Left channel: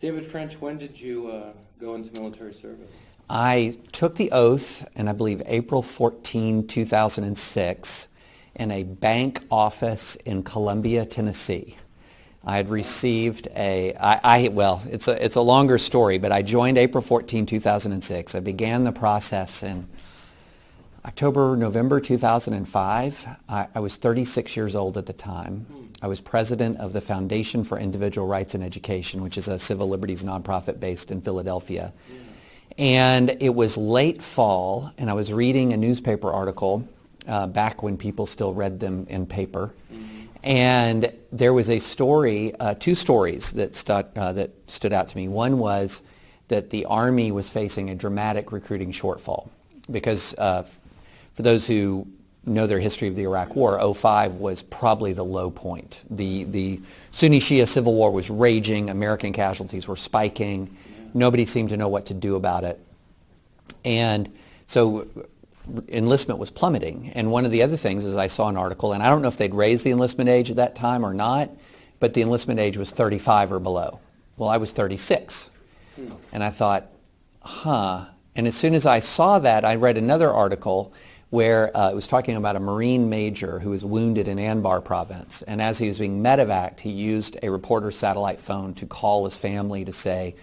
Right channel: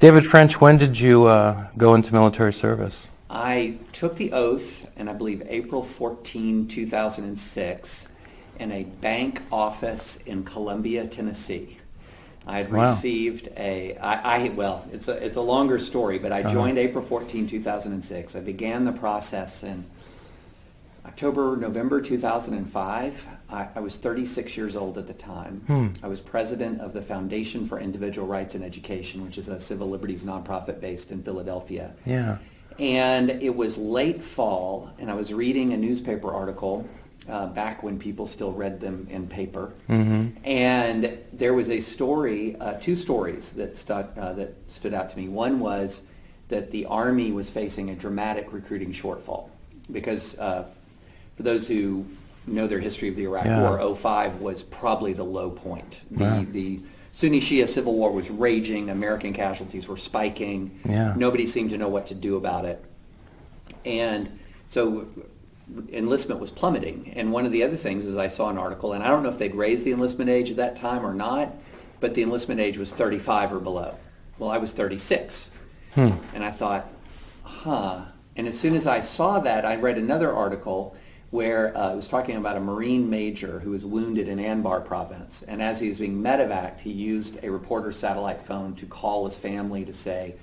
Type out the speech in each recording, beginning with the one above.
David French, when did you go into military service? I took the oath in, I believe, April 14, 2006, in a bank office in Columbia, Tennessee. I had received it's a longer story, but I joined April 14, 2006. I began the process in November 2005. I was 36 years old at the time. I was president of the Foundation for Individual Rights and Education, which is a civil liberties nonprofit based in Philadelphia. Yeah. And it was late fall, and I was reading a newspaper article back when people still read them in paper. And there was a story, two stories that stood out to me. One was that the Army was facing a dramatic recruiting shortfall because for those who know their history of the Iraq War, 2005 was probably the low point. The Sunni Shia civil war was raging. American casualties were spiking. Nobody seemed to know what to do about it. And so enlistment was plummeting. And one of the other things is I saw an article, and I don't know if they'd raised the enlistment age at that time or not, but the enlistment age was 35 or below. Well, I was 36. And I thought, And as soon as I saw that, I read another article where it was talking about a Marine major who was wounded in Anbar province. And as he was being medevaced, he used a reporter's satellite phone to call his family to say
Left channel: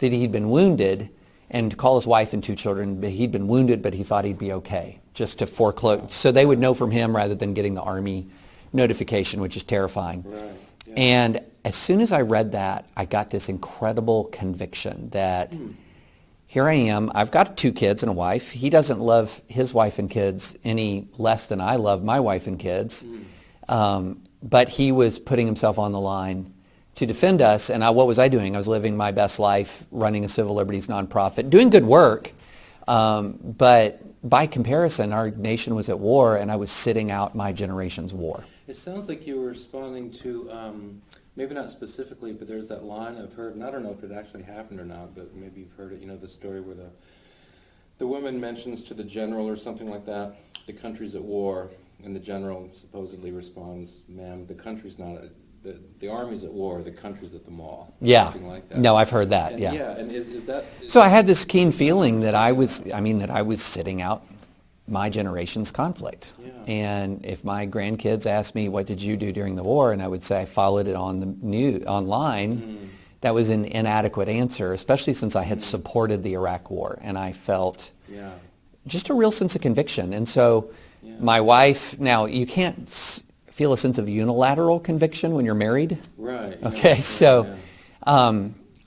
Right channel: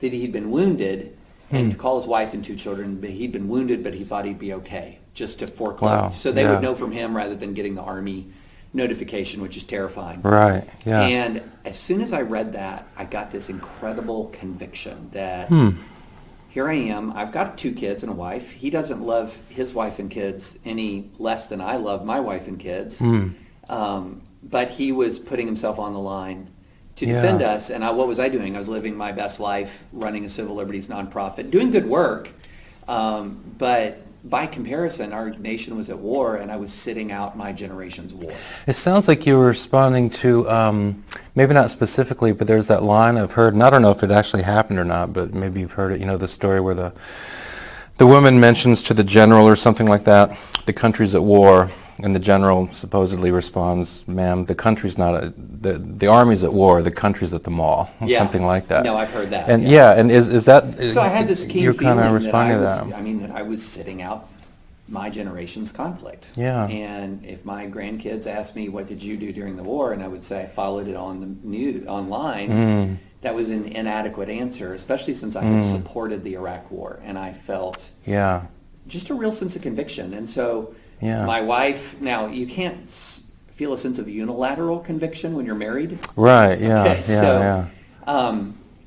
that he'd been wounded and to call his wife and 2 children. But he'd been wounded, but he thought he'd be okay, just to foreclose. So they would know from him rather than getting the Army notification, which is terrifying. Right, yeah. And as soon as I read that, I got this incredible conviction that here I am. I've got 2 kids and a wife. He doesn't love his wife and kids any less than I love my wife and kids. But he was putting himself on the line to defend us. And what was I doing? I was living my best life, running a civil liberties nonprofit, doing good work. But by comparison, our nation was at war, and I was sitting out my generation's war. It sounds like you were responding to, maybe not specifically, but there's that line I've heard, and I don't know if it actually happened or not, but maybe you've heard it, the story where the woman mentions to the general or something like that, the country's at war, and the general supposedly responds, ma'am, the country's not, the Army's at war, the country's at the mall, or something like that. No, I've heard that. And and is that... So I had this keen feeling that I was sitting out my generation's conflict. And if my grandkids asked me, what did you do during the war? And I would say I followed it on the online. That was an inadequate answer, especially since I had supported the Iraq war. And I felt just a real sense of conviction. And so my wife, now you can't feel a sense of unilateral conviction when you're married. Right,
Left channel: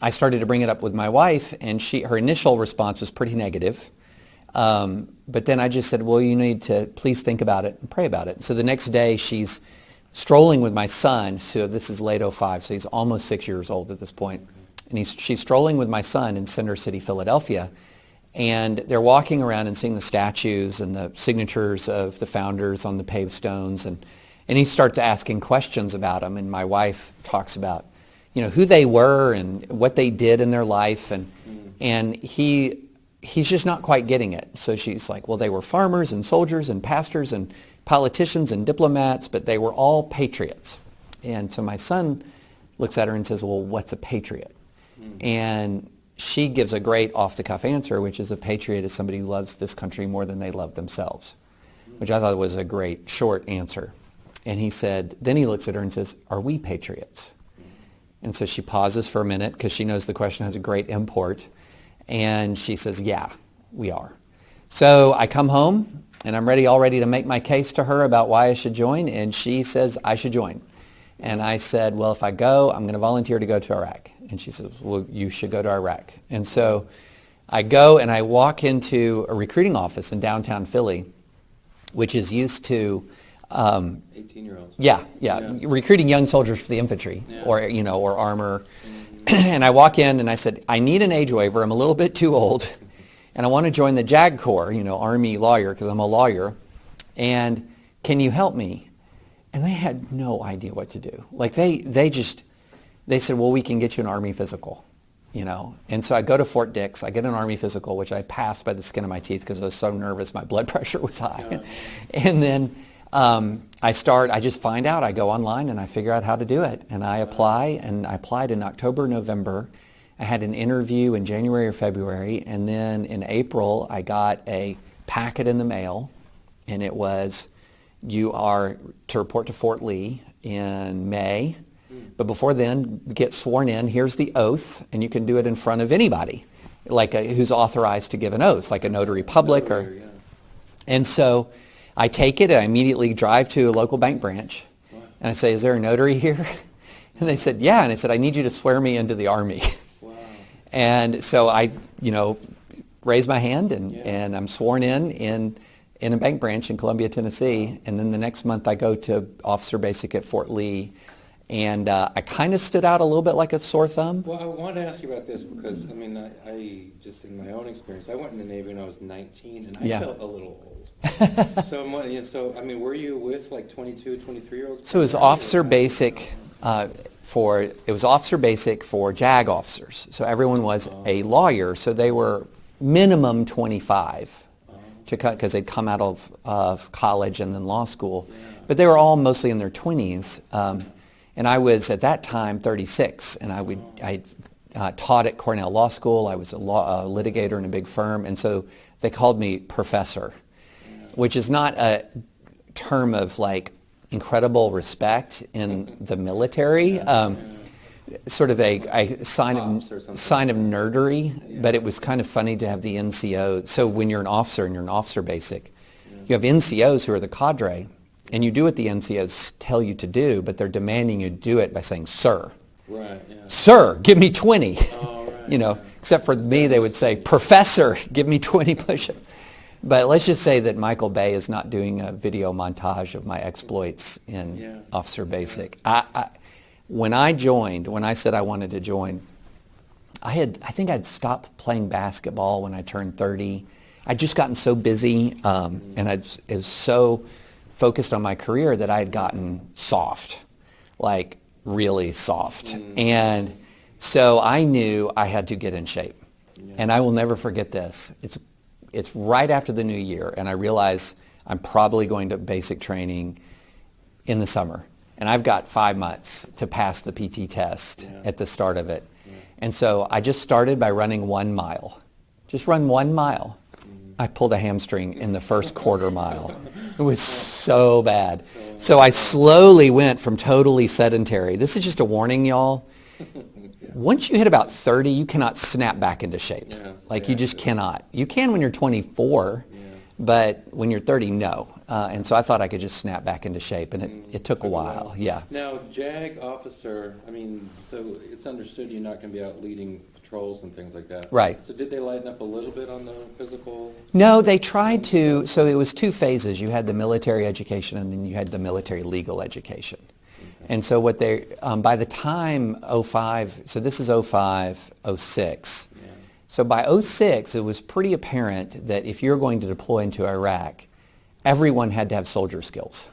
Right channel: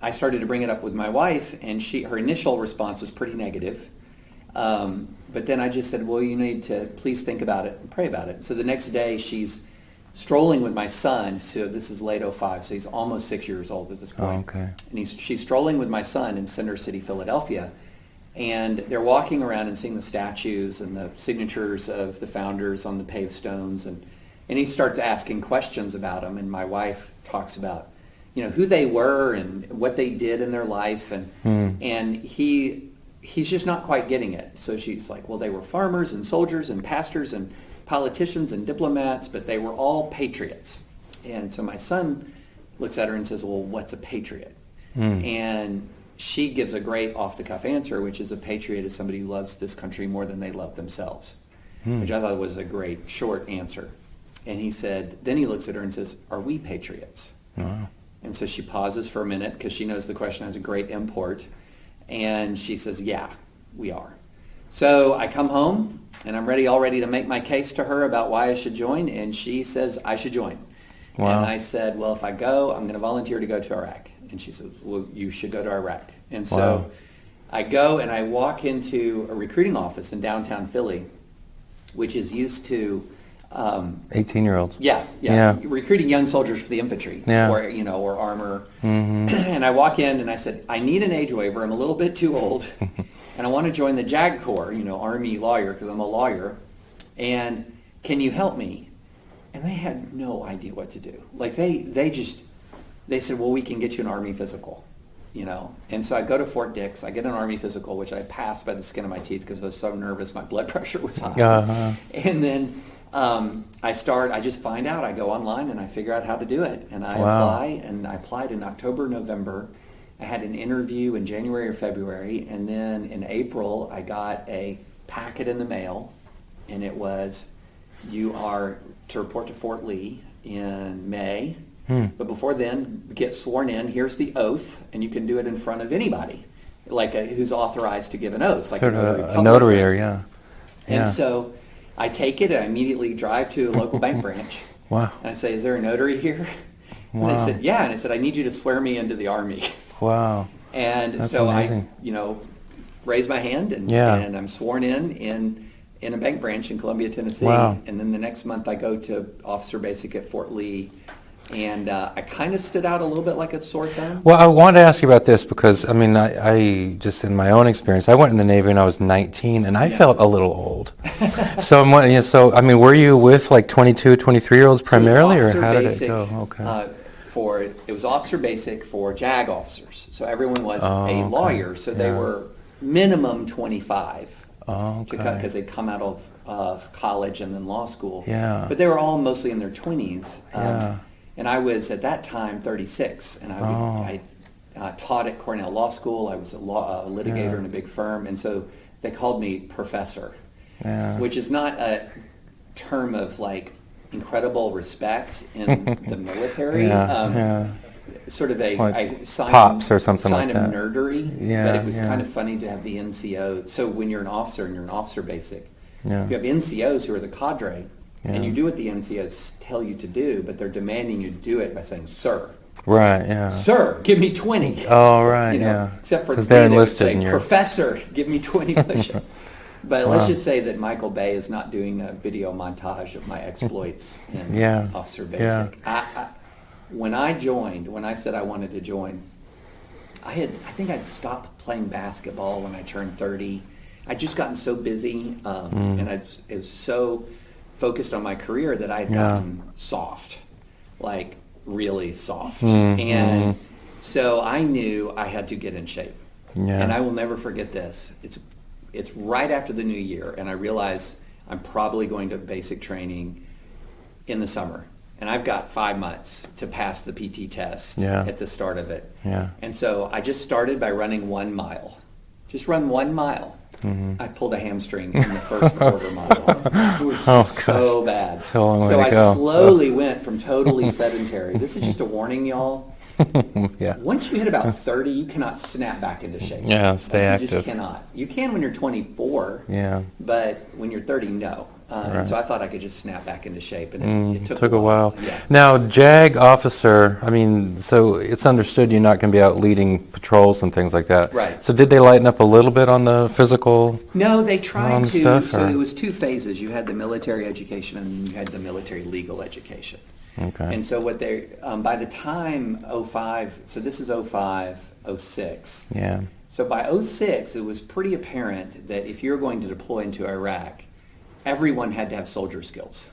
I started to bring it up with my wife, and her initial response was pretty negative. But then I just said, well, you need to please think about it and pray about it. So the next day she's strolling with my son. So this is late 2005, so he's almost 6 years old at this point. And she's strolling with my son in Center City, Philadelphia. And they're walking around and seeing the statues and the signatures of the founders on the paved stones. And he starts asking questions about them. And my wife talks about, who they were and what they did in their life. And he's just not quite getting it. So she's like, well, they were farmers and soldiers and pastors and politicians and diplomats, but they were all patriots. And so my son looks at her and says, well, what's a patriot? And she gives a great off-the-cuff answer, which is a patriot is somebody who loves this country more than they love themselves, which I thought was a great short answer. And then he looks at her and says, are we patriots? And so she pauses for a minute because she knows the question has a great import. And she says, yeah, we are. So I come home and I'm all ready to make my case to her about why I should join. And she says, I should join. And I said, well, if I go, I'm going to volunteer to go to Iraq. And she says, well, you should go to Iraq. And so I go and I walk into a recruiting office in downtown Philly, which is used to 18-year-olds. Recruiting young soldiers for the infantry or armor. And I walk in and I said, I need an age waiver. I'm a little bit too old. And I want to join the JAG Corps, Army lawyer, because I'm a lawyer. And can you help me? And they had no idea what to do. Like they said, well, we can get you an Army physical, And so I go to Fort Dix. I get an Army physical, which I passed by the skin of my teeth because I was so nervous. My blood pressure was high. And then I just find out, I go online and I figure out how to do it. And I apply, and I applied in October, November. I had an interview in January or February, and then in April I got a packet in the mail, and it was, you are to report to Fort Lee in May, but before then, get sworn in. Here's the oath, and you can do it in front of anybody, like who's authorized to give an oath, like a notary public. A notary, yeah. And so I take it, I immediately drive to a local bank branch. Wow. And I say, is there a notary here? And they said, yeah. And I said, I need you to swear me into the Army. Wow. And That's so amazing. I, raise my hand, and I'm sworn in a bank branch in Columbia, Tennessee. Wow. And then the next month I go to Officer Basic at Fort Lee. And I kind of stood out a little bit like a sore thumb. Well, I wanted to ask you about this because, I mean, I just in my own experience, I went in the Navy when I was 19, and I felt a little old. So I'm wondering, I mean, were you with like 22, 23-year-olds primarily? So it was Officer or how did it Basic. go? Okay. It was Officer Basic for JAG officers. So everyone was a lawyer. So they were minimum 25 because they'd come out of college and then law school. Yeah. But they were all mostly in their 20s. And I was at that time 36, and I taught at Cornell Law School. I was a litigator in a big firm, and so they called me professor, which is not a term of like incredible respect in the military. Sort of a sign, Pops or something sign like of that. nerdery, Yeah, but it was kind of funny to have the NCO. So when you're an officer and you're an officer basic, you have NCOs who are the cadre. And you do what the NCOs tell you to do, but they're demanding you do it by saying, sir. Right, yeah. Sir, give me 20. Oh, right, Except for me, 'Cause they're they would enlisted say, in your- professor, give me 20 push-ups. But let's just say that Michael Bay is not doing a video montage of my exploits in Officer Basic. When I said I wanted to join, I think I'd stopped playing basketball when I turned 30. I'd just gotten so busy, and I was so focused on my career that I'd gotten soft, like really soft. And so I knew I had to get in shape. And I will never forget this. It's right after the new year, and I realize I'm probably going to basic training in the summer. And I've got 5 months to pass the PT test at the start of it. And so I just started by running 1 mile. Just run 1 mile. I pulled a hamstring in the first quarter mile. It was so bad. So I slowly went from totally sedentary. This is just a warning, y'all. Once you hit about 30, you cannot snap back into shape. Stay you active. just cannot. You can when you're 24, Yeah. but when you're 30, no. And so I thought I could just snap back into shape, and it took a while. Yeah. Now, JAG officer, I mean, so it's understood you're not going to be out leading patrols and things like that. Right. So did they lighten up a little bit on the physical? No, they tried to. Stuff, So or? it was 2 phases. You had the military education, and then you had the military legal education. Okay. And so what they, by the time 05, so this is 05, 06. Yeah. So by 06, it was pretty apparent that if you're going to deploy into Iraq, everyone had to have soldier skills.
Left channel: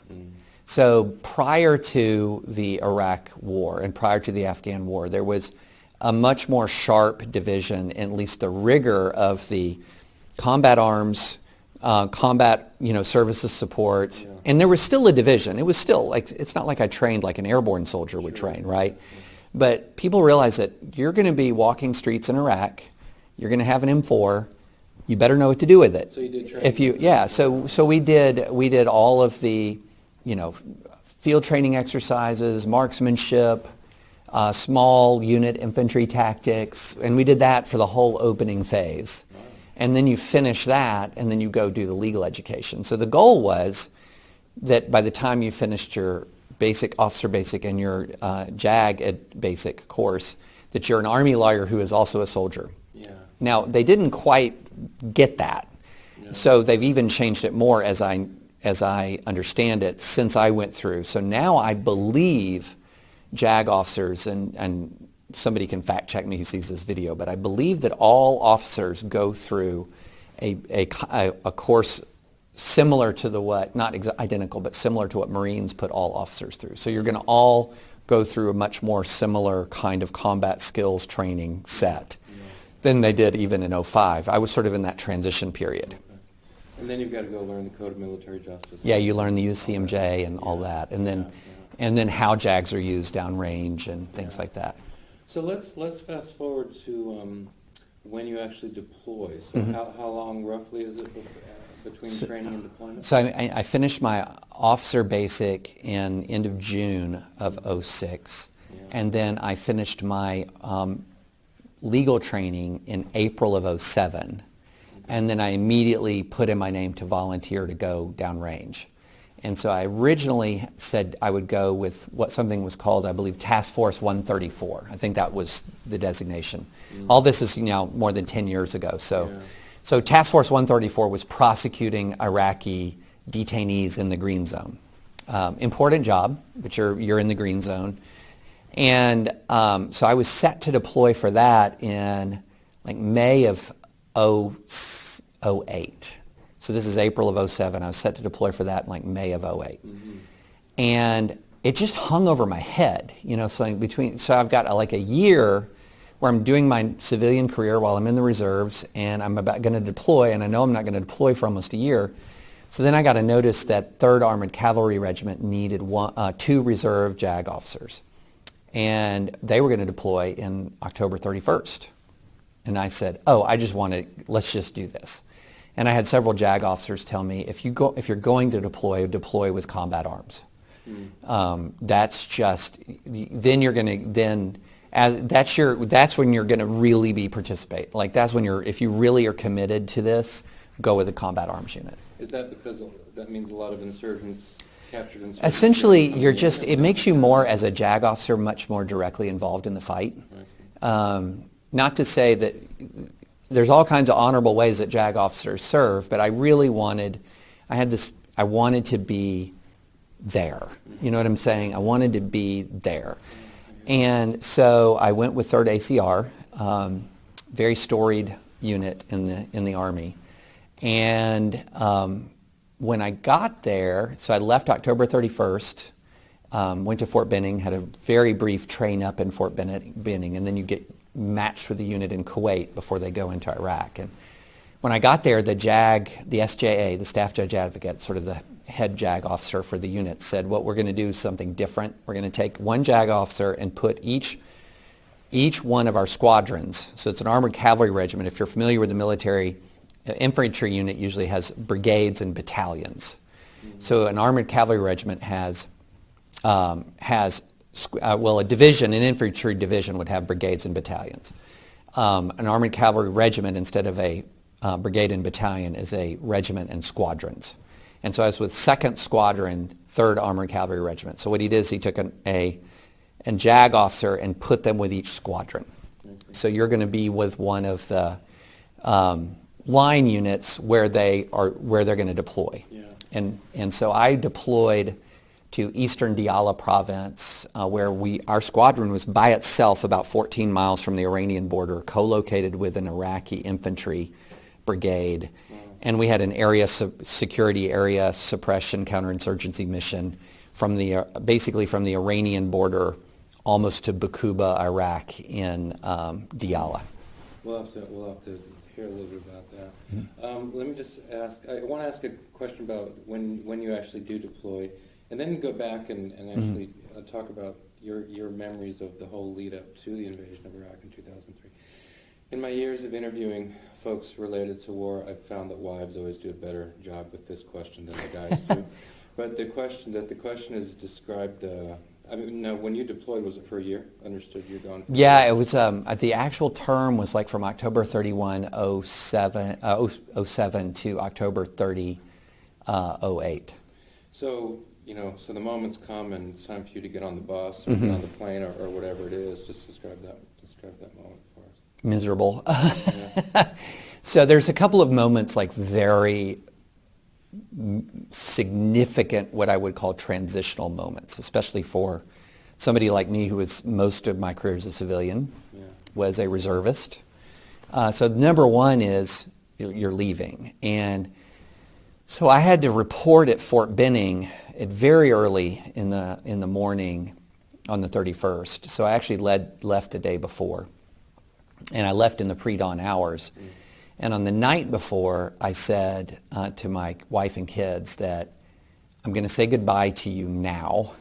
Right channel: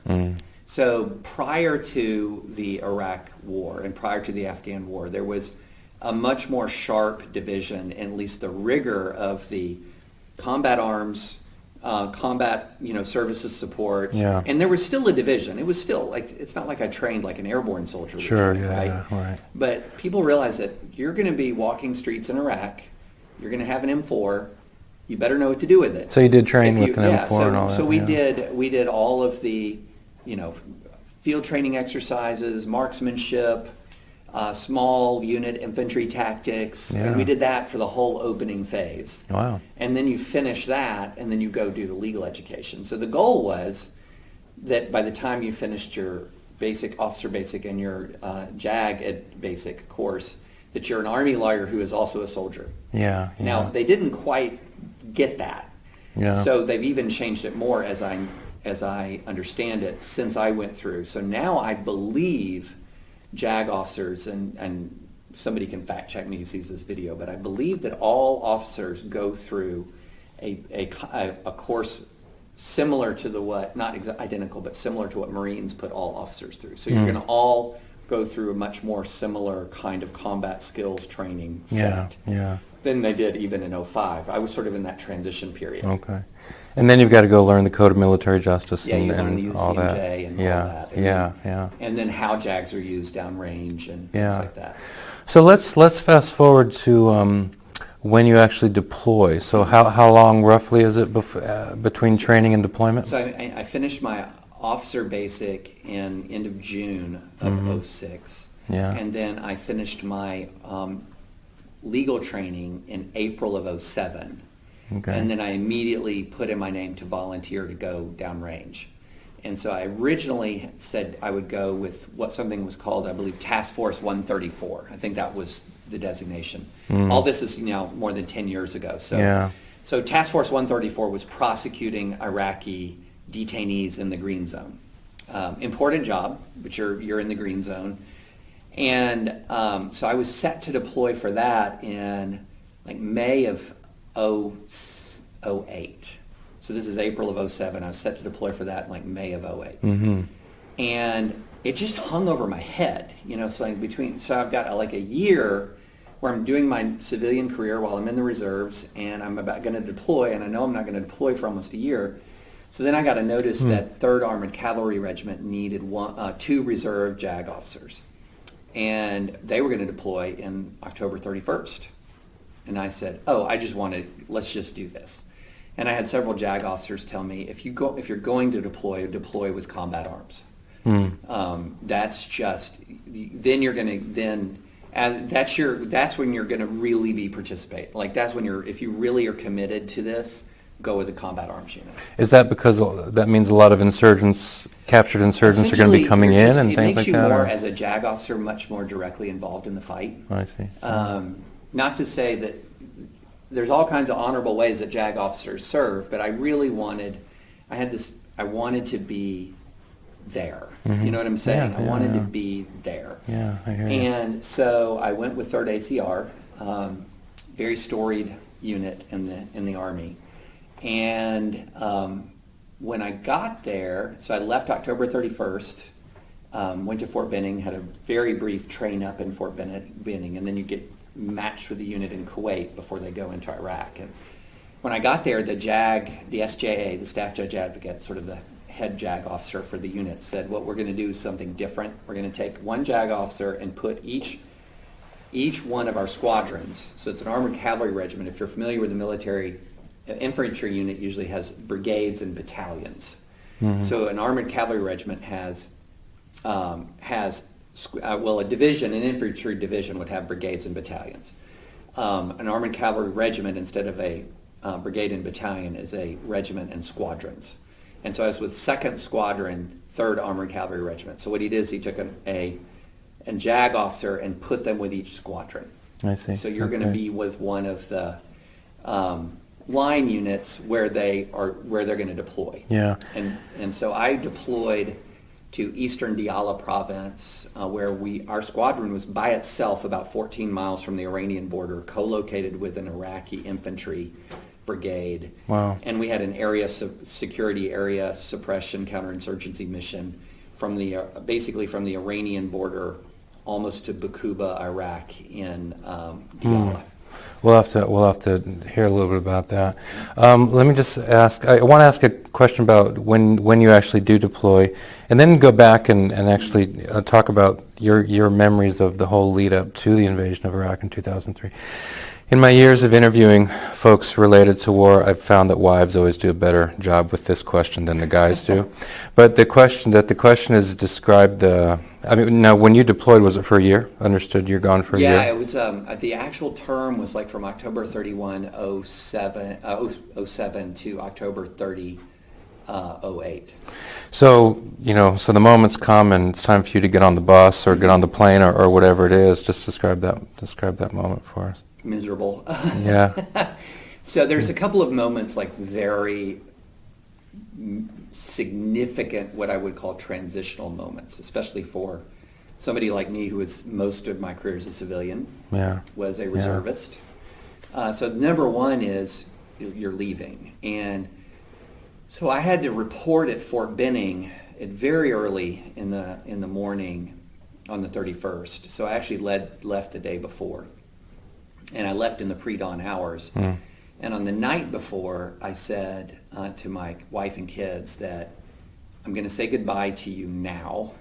So prior to the Iraq war and prior to the Afghan war, there was a much more sharp division, at least the rigor of the combat arms, combat, services support. Yeah. And there was still a division. It was still like, it's not like I trained like an airborne soldier would train, right? Right. But people realize that you're going to be walking streets in Iraq. You're going to have an M4. You better know what to do with it. So you did train with an M4 and all so that, we did all of the, field training exercises, marksmanship, small unit infantry tactics, and we did that for the whole opening phase. Wow. And then you finish that, and then you go do the legal education. So the goal was that by the time you finished your officer basic and your JAG at basic course, that you're an Army lawyer who is also a soldier. Yeah. Now, they didn't quite get that. Yeah. So they've even changed it more as I understand it since I went through. So now I believe JAG officers, and somebody can fact check me who sees this video, but I believe that all officers go through a course similar to not identical, but similar to what Marines put all officers through. So you're going to all go through a much more similar kind of combat skills training set than they did even in 05. I was sort of in that transition period. Okay. And then you've got to go learn the Code of Military Justice. Yeah, you and learn the all that. UCMJ and Yeah, all that. And yeah, then, yeah. And then how JAGs are used downrange and things Yeah. like that. So let's fast forward to when you actually deploy. So how long roughly is it between training and deployment? So I finished my officer basic in end of June of '06. Yeah. And then I finished my legal training in April of '07. Okay. And then I immediately put in my name to volunteer to go downrange. And so I originally said I would go with what something was called, I believe, Task Force 134. I think that was the designation. All this is now more than 10 years ago. So, Yeah. so Task Force 134 was prosecuting Iraqi detainees in the green zone. Important job, but you're in the green zone. And so I was set to deploy for that in like May of '08. So this is April of '07. I was set to deploy for that in like May of '08. And it just hung over my head, so I've got like a year where I'm doing my civilian career while I'm in the reserves, and I'm about going to deploy, and I know I'm not going to deploy for almost a year. So then I got a notice that 3rd Armored Cavalry Regiment needed 2 reserve JAG officers. And they were going to deploy in October 31st. And I said, let's just do this. And I had several JAG officers tell me, if you're going to deploy with combat arms. That's just, then you're going to, that's when you're going to really be participate. Like that's when if you really are committed to this, go with a combat arms unit. Is that because that means a lot of captured insurgents are going to be coming in and things it makes like you that, more, or? as a JAG officer, much more directly involved in the fight. I see. Not to say that there's all kinds of honorable ways that JAG officers serve, but I really wanted to be there. You know what I'm saying? Yeah, I wanted to be there. Yeah, I hear you. And so I went with 3rd ACR, very storied unit in the Army. And when I got there, so I left October 31st, went to Fort Benning, had a very brief train up in Fort Benning, and then you get matched with the unit in Kuwait before they go into Iraq. And when I got there, the SJA, the Staff Judge Advocate, sort of the head JAG officer for the unit, said, what we're going to do is something different. We're going to take one JAG officer and put each one of our squadrons, so it's an armored cavalry regiment. If you're familiar with the military, infantry unit usually has brigades and battalions. So an armored cavalry regiment has a division, an infantry division would have brigades and battalions. An armored cavalry regiment, instead of a brigade and battalion, is a regiment and squadrons. And so I was with 2nd Squadron, 3rd Armored Cavalry Regiment. So what he did is he took a JAG officer and put them with each squadron. I see. So you're going to be with one of the line units where they're going to deploy. Yeah. And so I deployed to Eastern Diyala province, where our squadron was by itself about 14 miles from the Iranian border, co-located with an Iraqi infantry brigade. Wow. And we had an security area suppression counterinsurgency mission basically from the Iranian border almost to Bakuba, Iraq in Diyala. We'll have to hear a little bit about that. Let me just ask. I want to ask a question about when you actually do deploy, and then go back and actually talk about your memories of the whole lead up to the invasion of Iraq in 2003. In my years of interviewing folks related to war, I've found that wives always do a better job with this question than the guys do. But the question is describe now when you deployed, was it for a year? Understood, you're gone for a year? Yeah, it was, the actual term was like from October 31, 07 to October 30, 08. So, so the moment's come and it's time for you to get on the bus or get on the plane or whatever it is. Just describe that moment for us. Miserable. Yeah. So there's a couple of moments, like very significant, what I would call transitional moments, especially for somebody like me who was most of my career as a civilian, was a reservist. So number one is you're leaving. And so I had to report at Fort Benning very early in the morning on the 31st. So I actually left the day before. And I left in the pre-dawn hours. And on the night before, I said to my wife and kids that I'm going to say goodbye to you now,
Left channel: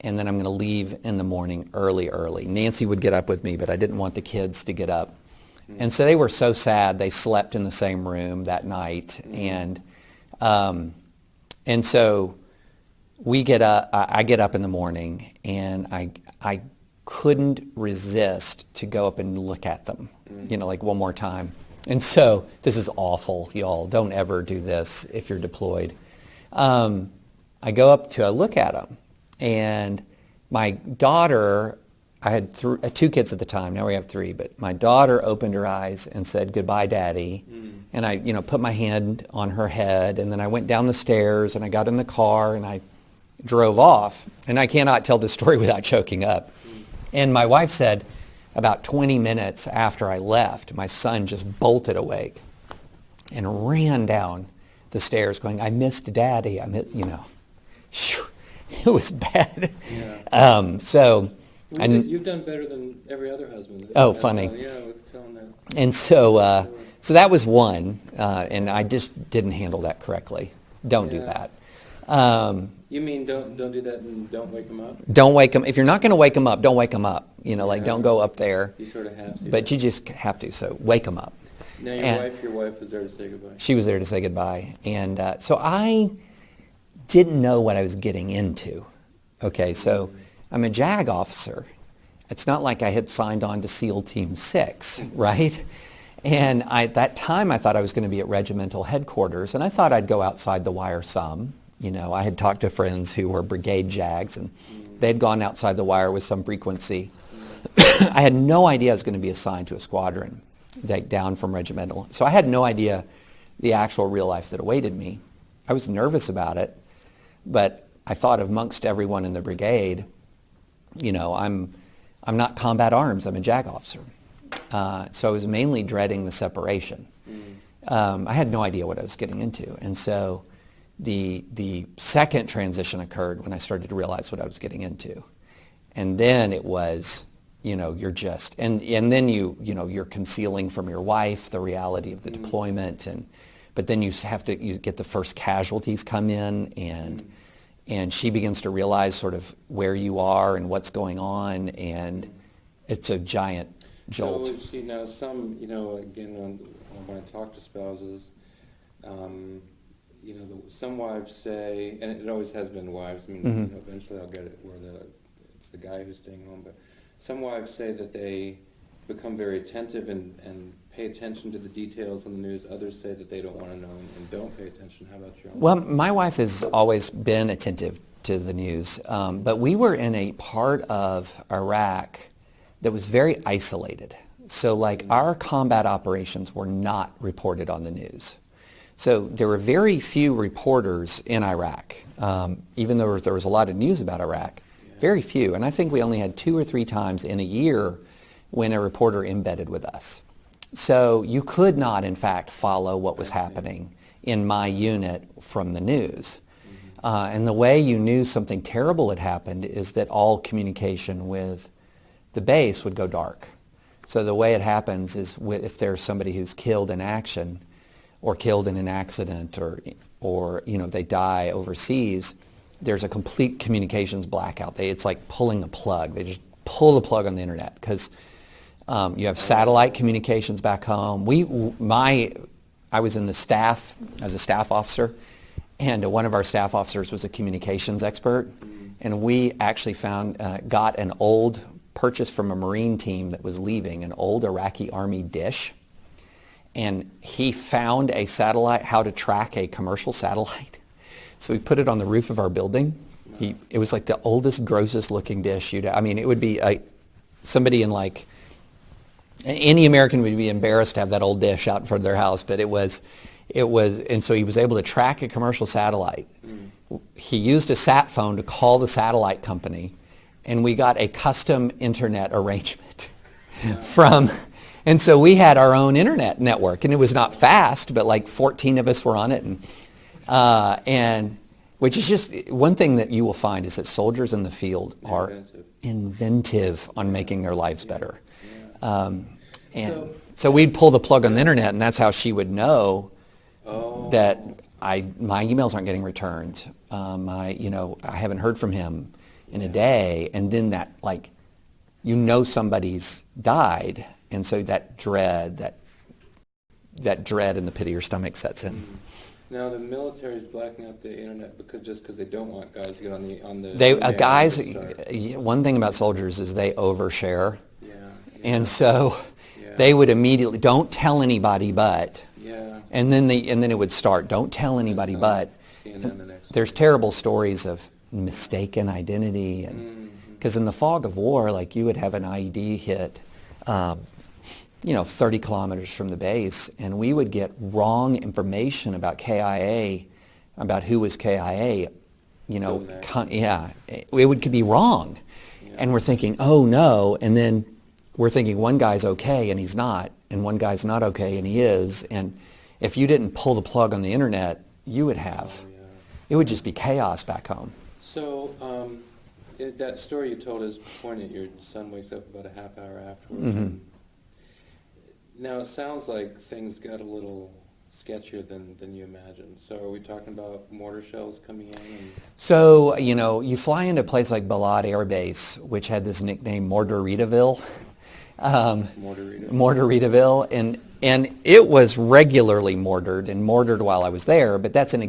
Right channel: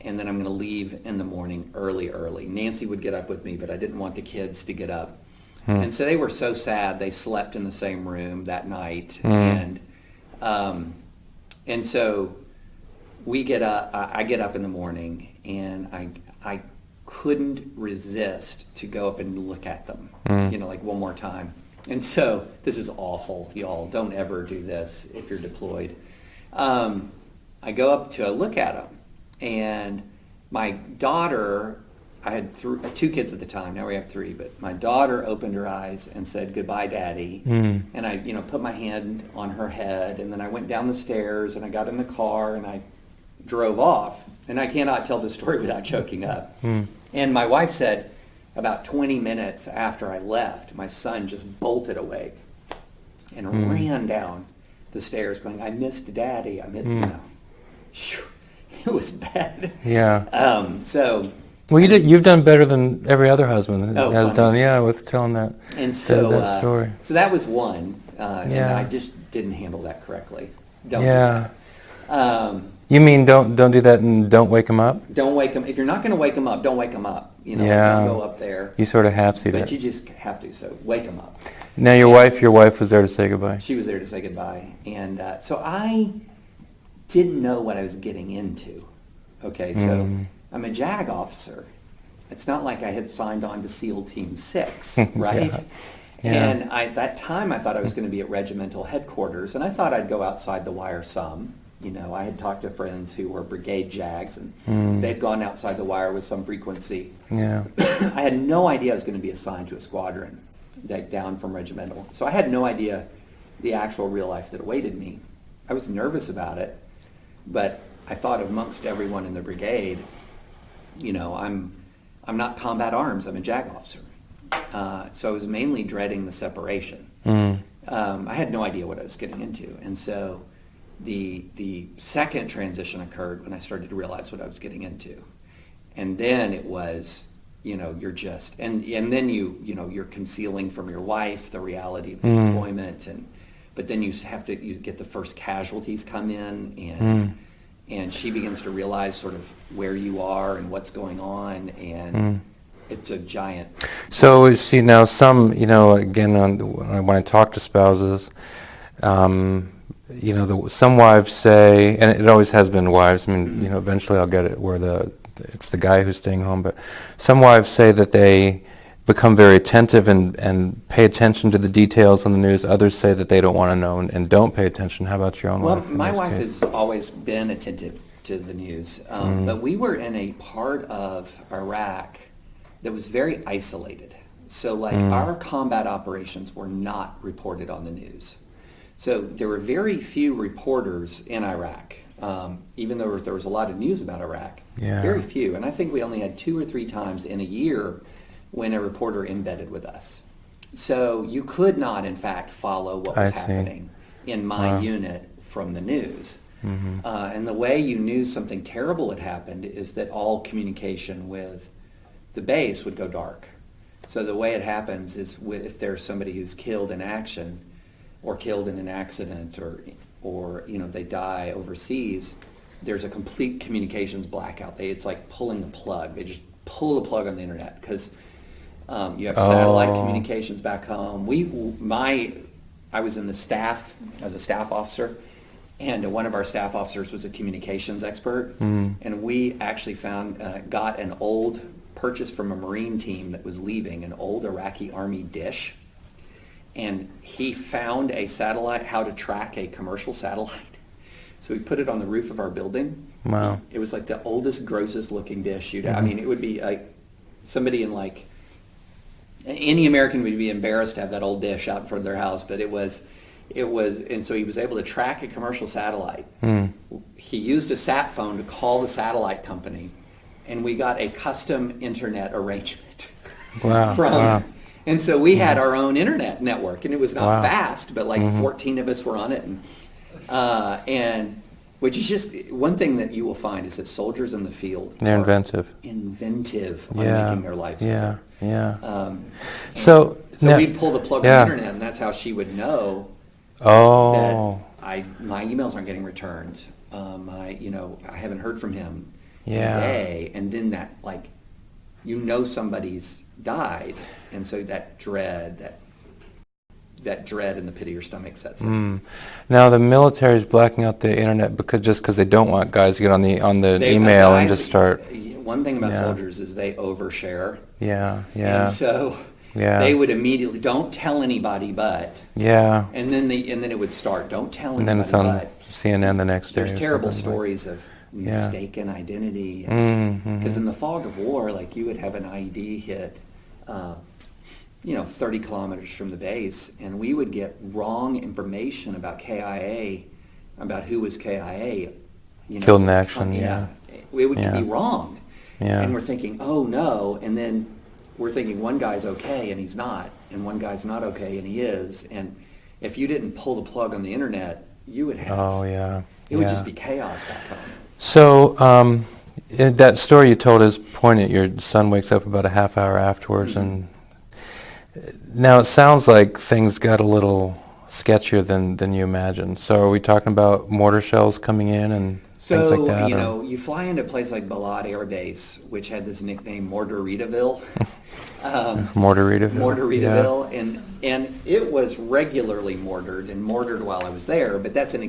and then I'm going to leave in the morning early. Nancy would get up with me, but I didn't want the kids to get up. And so they were so sad. They slept in the same room that night. And so we get up, I get up in the morning, and I couldn't resist to go up and look at them, like one more time. And so this is awful, y'all. Don't ever do this if you're deployed. I go up to look at them, and my daughter, I had 2 kids at the time. Now we have 3, but my daughter opened her eyes and said, "Goodbye, Daddy." And I, put my hand on her head, and then I went down the stairs, and I got in the car, and I drove off. And I cannot tell this story without choking up. And my wife said, about 20 minutes after I left, my son just bolted awake and ran down the stairs going, "I missed Daddy." It was bad. Yeah. Well, you've done better than every other husband has funny. done. With telling that. And so, that story. So that was one, and I just didn't handle that correctly. Don't do that. You mean don't do that and don't wake them up? Don't wake them. If you're not going to wake them up, don't wake them up. Don't go up there. You sort of have to. But you just have to. So wake them up. Now your wife was there to say goodbye. She was there to say goodbye, and so I didn't know what I was getting into. Okay, so I'm a JAG officer. It's not like I had signed on to SEAL Team 6, right? And at that time, I thought I was going to be at regimental headquarters, and I thought I'd go outside the wire some. I had talked to friends who were brigade JAGs, and they'd gone outside the wire with some frequency. Yeah. I had no idea I was going to be assigned to a squadron, down from regimental. So I had no idea the actual real life that awaited me. I was nervous about it, but I thought amongst everyone in the brigade, I'm not combat arms, I'm a JAG officer. So I was mainly dreading the separation. I had no idea what I was getting into. And so the second transition occurred when I started to realize what I was getting into. And then it was, you're just, and then you're concealing from your wife the reality of the deployment. But then you get the first casualties come in, and she begins to realize sort of where you are and what's going on, and it's a giant. So see now some, again, when I talk to spouses, some wives say, and it always has been wives. I mean, eventually I'll get it where it's the guy who's staying home, but some wives say that they become very attentive and pay attention to the details on the news. Others say that they don't want to know and don't pay attention. How about your own wife? Well, my wife has always been attentive to the news, but we were in a part of Iraq that was very isolated. So our combat operations were not reported on the news. So there were very few reporters in Iraq, even though there was a lot of news about Iraq. Very few. And I think we only had 2 or 3 times in a year when a reporter embedded with us. So you could not, in fact, follow what was happening in my unit from the news. And the way you knew something terrible had happened is that all communication with the base would go dark. So the way it happens is if there's somebody who's killed in action or killed in an accident or they die overseas, there's a complete communications blackout. It's like pulling the plug. They just pull the plug on the internet because you have satellite communications back home. I was in the staff. I was a staff officer, and one of our staff officers was a communications expert, and we actually got an old purchase from a Marine team that was leaving, an old Iraqi Army dish, and he found a satellite, how to track a commercial satellite. So we put it on the roof of our building. Wow. It was like the oldest, grossest looking dish I mean, it would be somebody in any American would be embarrassed to have that old dish out in front of their house, but it was, and so he was able to track a commercial satellite. He used a sat phone to call the satellite company, and we got a custom internet arrangement and so we had our own internet network, and it was not fast, but 14 of us were on it, and which is just one thing that you will find is that soldiers in the field are inventive on making their lives better. Yeah. So now- we'd pull the plug on yeah. the internet, and that's how she would know Oh. that my emails aren't getting returned. I haven't heard from him in Yeah. a day, and then that, like, somebody's died, and so that dread and the pit of your stomach sets in. Now the military's blacking out the internet because they don't want guys to get on the email and just start. One thing about Yeah. soldiers is they overshare, Yeah. Yeah. and so Yeah. they would immediately, don't tell anybody but, Yeah. and then it would start, don't tell And then anybody it's on but. CNN the next day. There's or terrible something. stories of mistaken identity, Mm-hmm. because in the fog of war, like, you would have an IED hit 30 kilometers from the base, and we would get wrong information about KIA, about who was KIA. Killed in action. It would Yeah. be wrong. Yeah. And we're thinking, oh no, and then we're thinking one guy's okay and he's not, and one guy's not okay and he is, and if you didn't pull the plug on the internet, you would have, Oh yeah. it would Yeah. just be chaos back home. So in that story you told is poignant. Your son wakes up about a half hour afterwards, and now it sounds like things got a little sketchier than you imagined. So are we talking about mortar shells coming in and So, things like that, or- you fly into a place like Balad Air Base, which had this nickname Mortaritaville. Mortaritaville? Mortaritaville, and it was regularly mortared while I was there, but that's an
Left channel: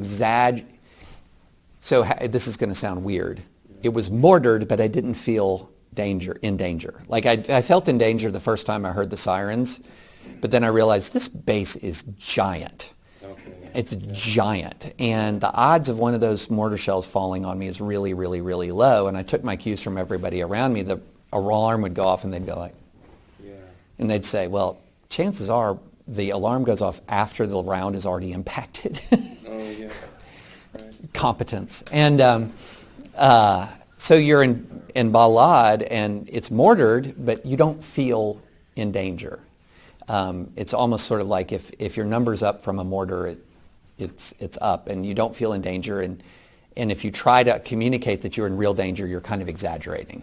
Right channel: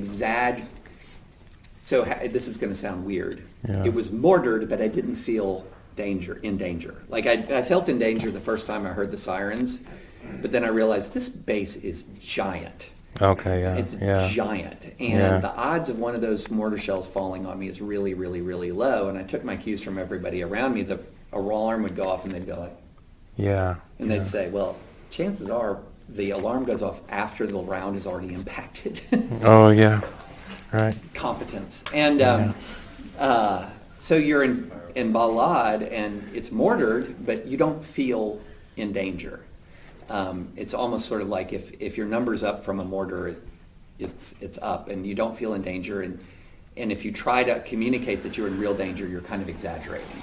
So this is going to sound weird. Yeah. It was mortared, but I didn't feel in danger. Like, I felt in danger the first time I heard the sirens, but then I realized this base is giant. Okay, yeah. It's yeah. giant, and Yeah. the odds of one of those mortar shells falling on me is really, really, really low. And I took my cues from everybody around me. The alarm would go off, and they'd go like, Yeah. and they'd say, well, chances are the alarm goes off after the round is already impacted. Oh, yeah. Right. Competence. And so you're in Balad, and it's mortared, but you don't feel in danger. It's almost sort of like if your number's up from a mortar, it's up, and you don't feel in danger. And if you try to communicate that you're in real danger, you're kind of exaggerating,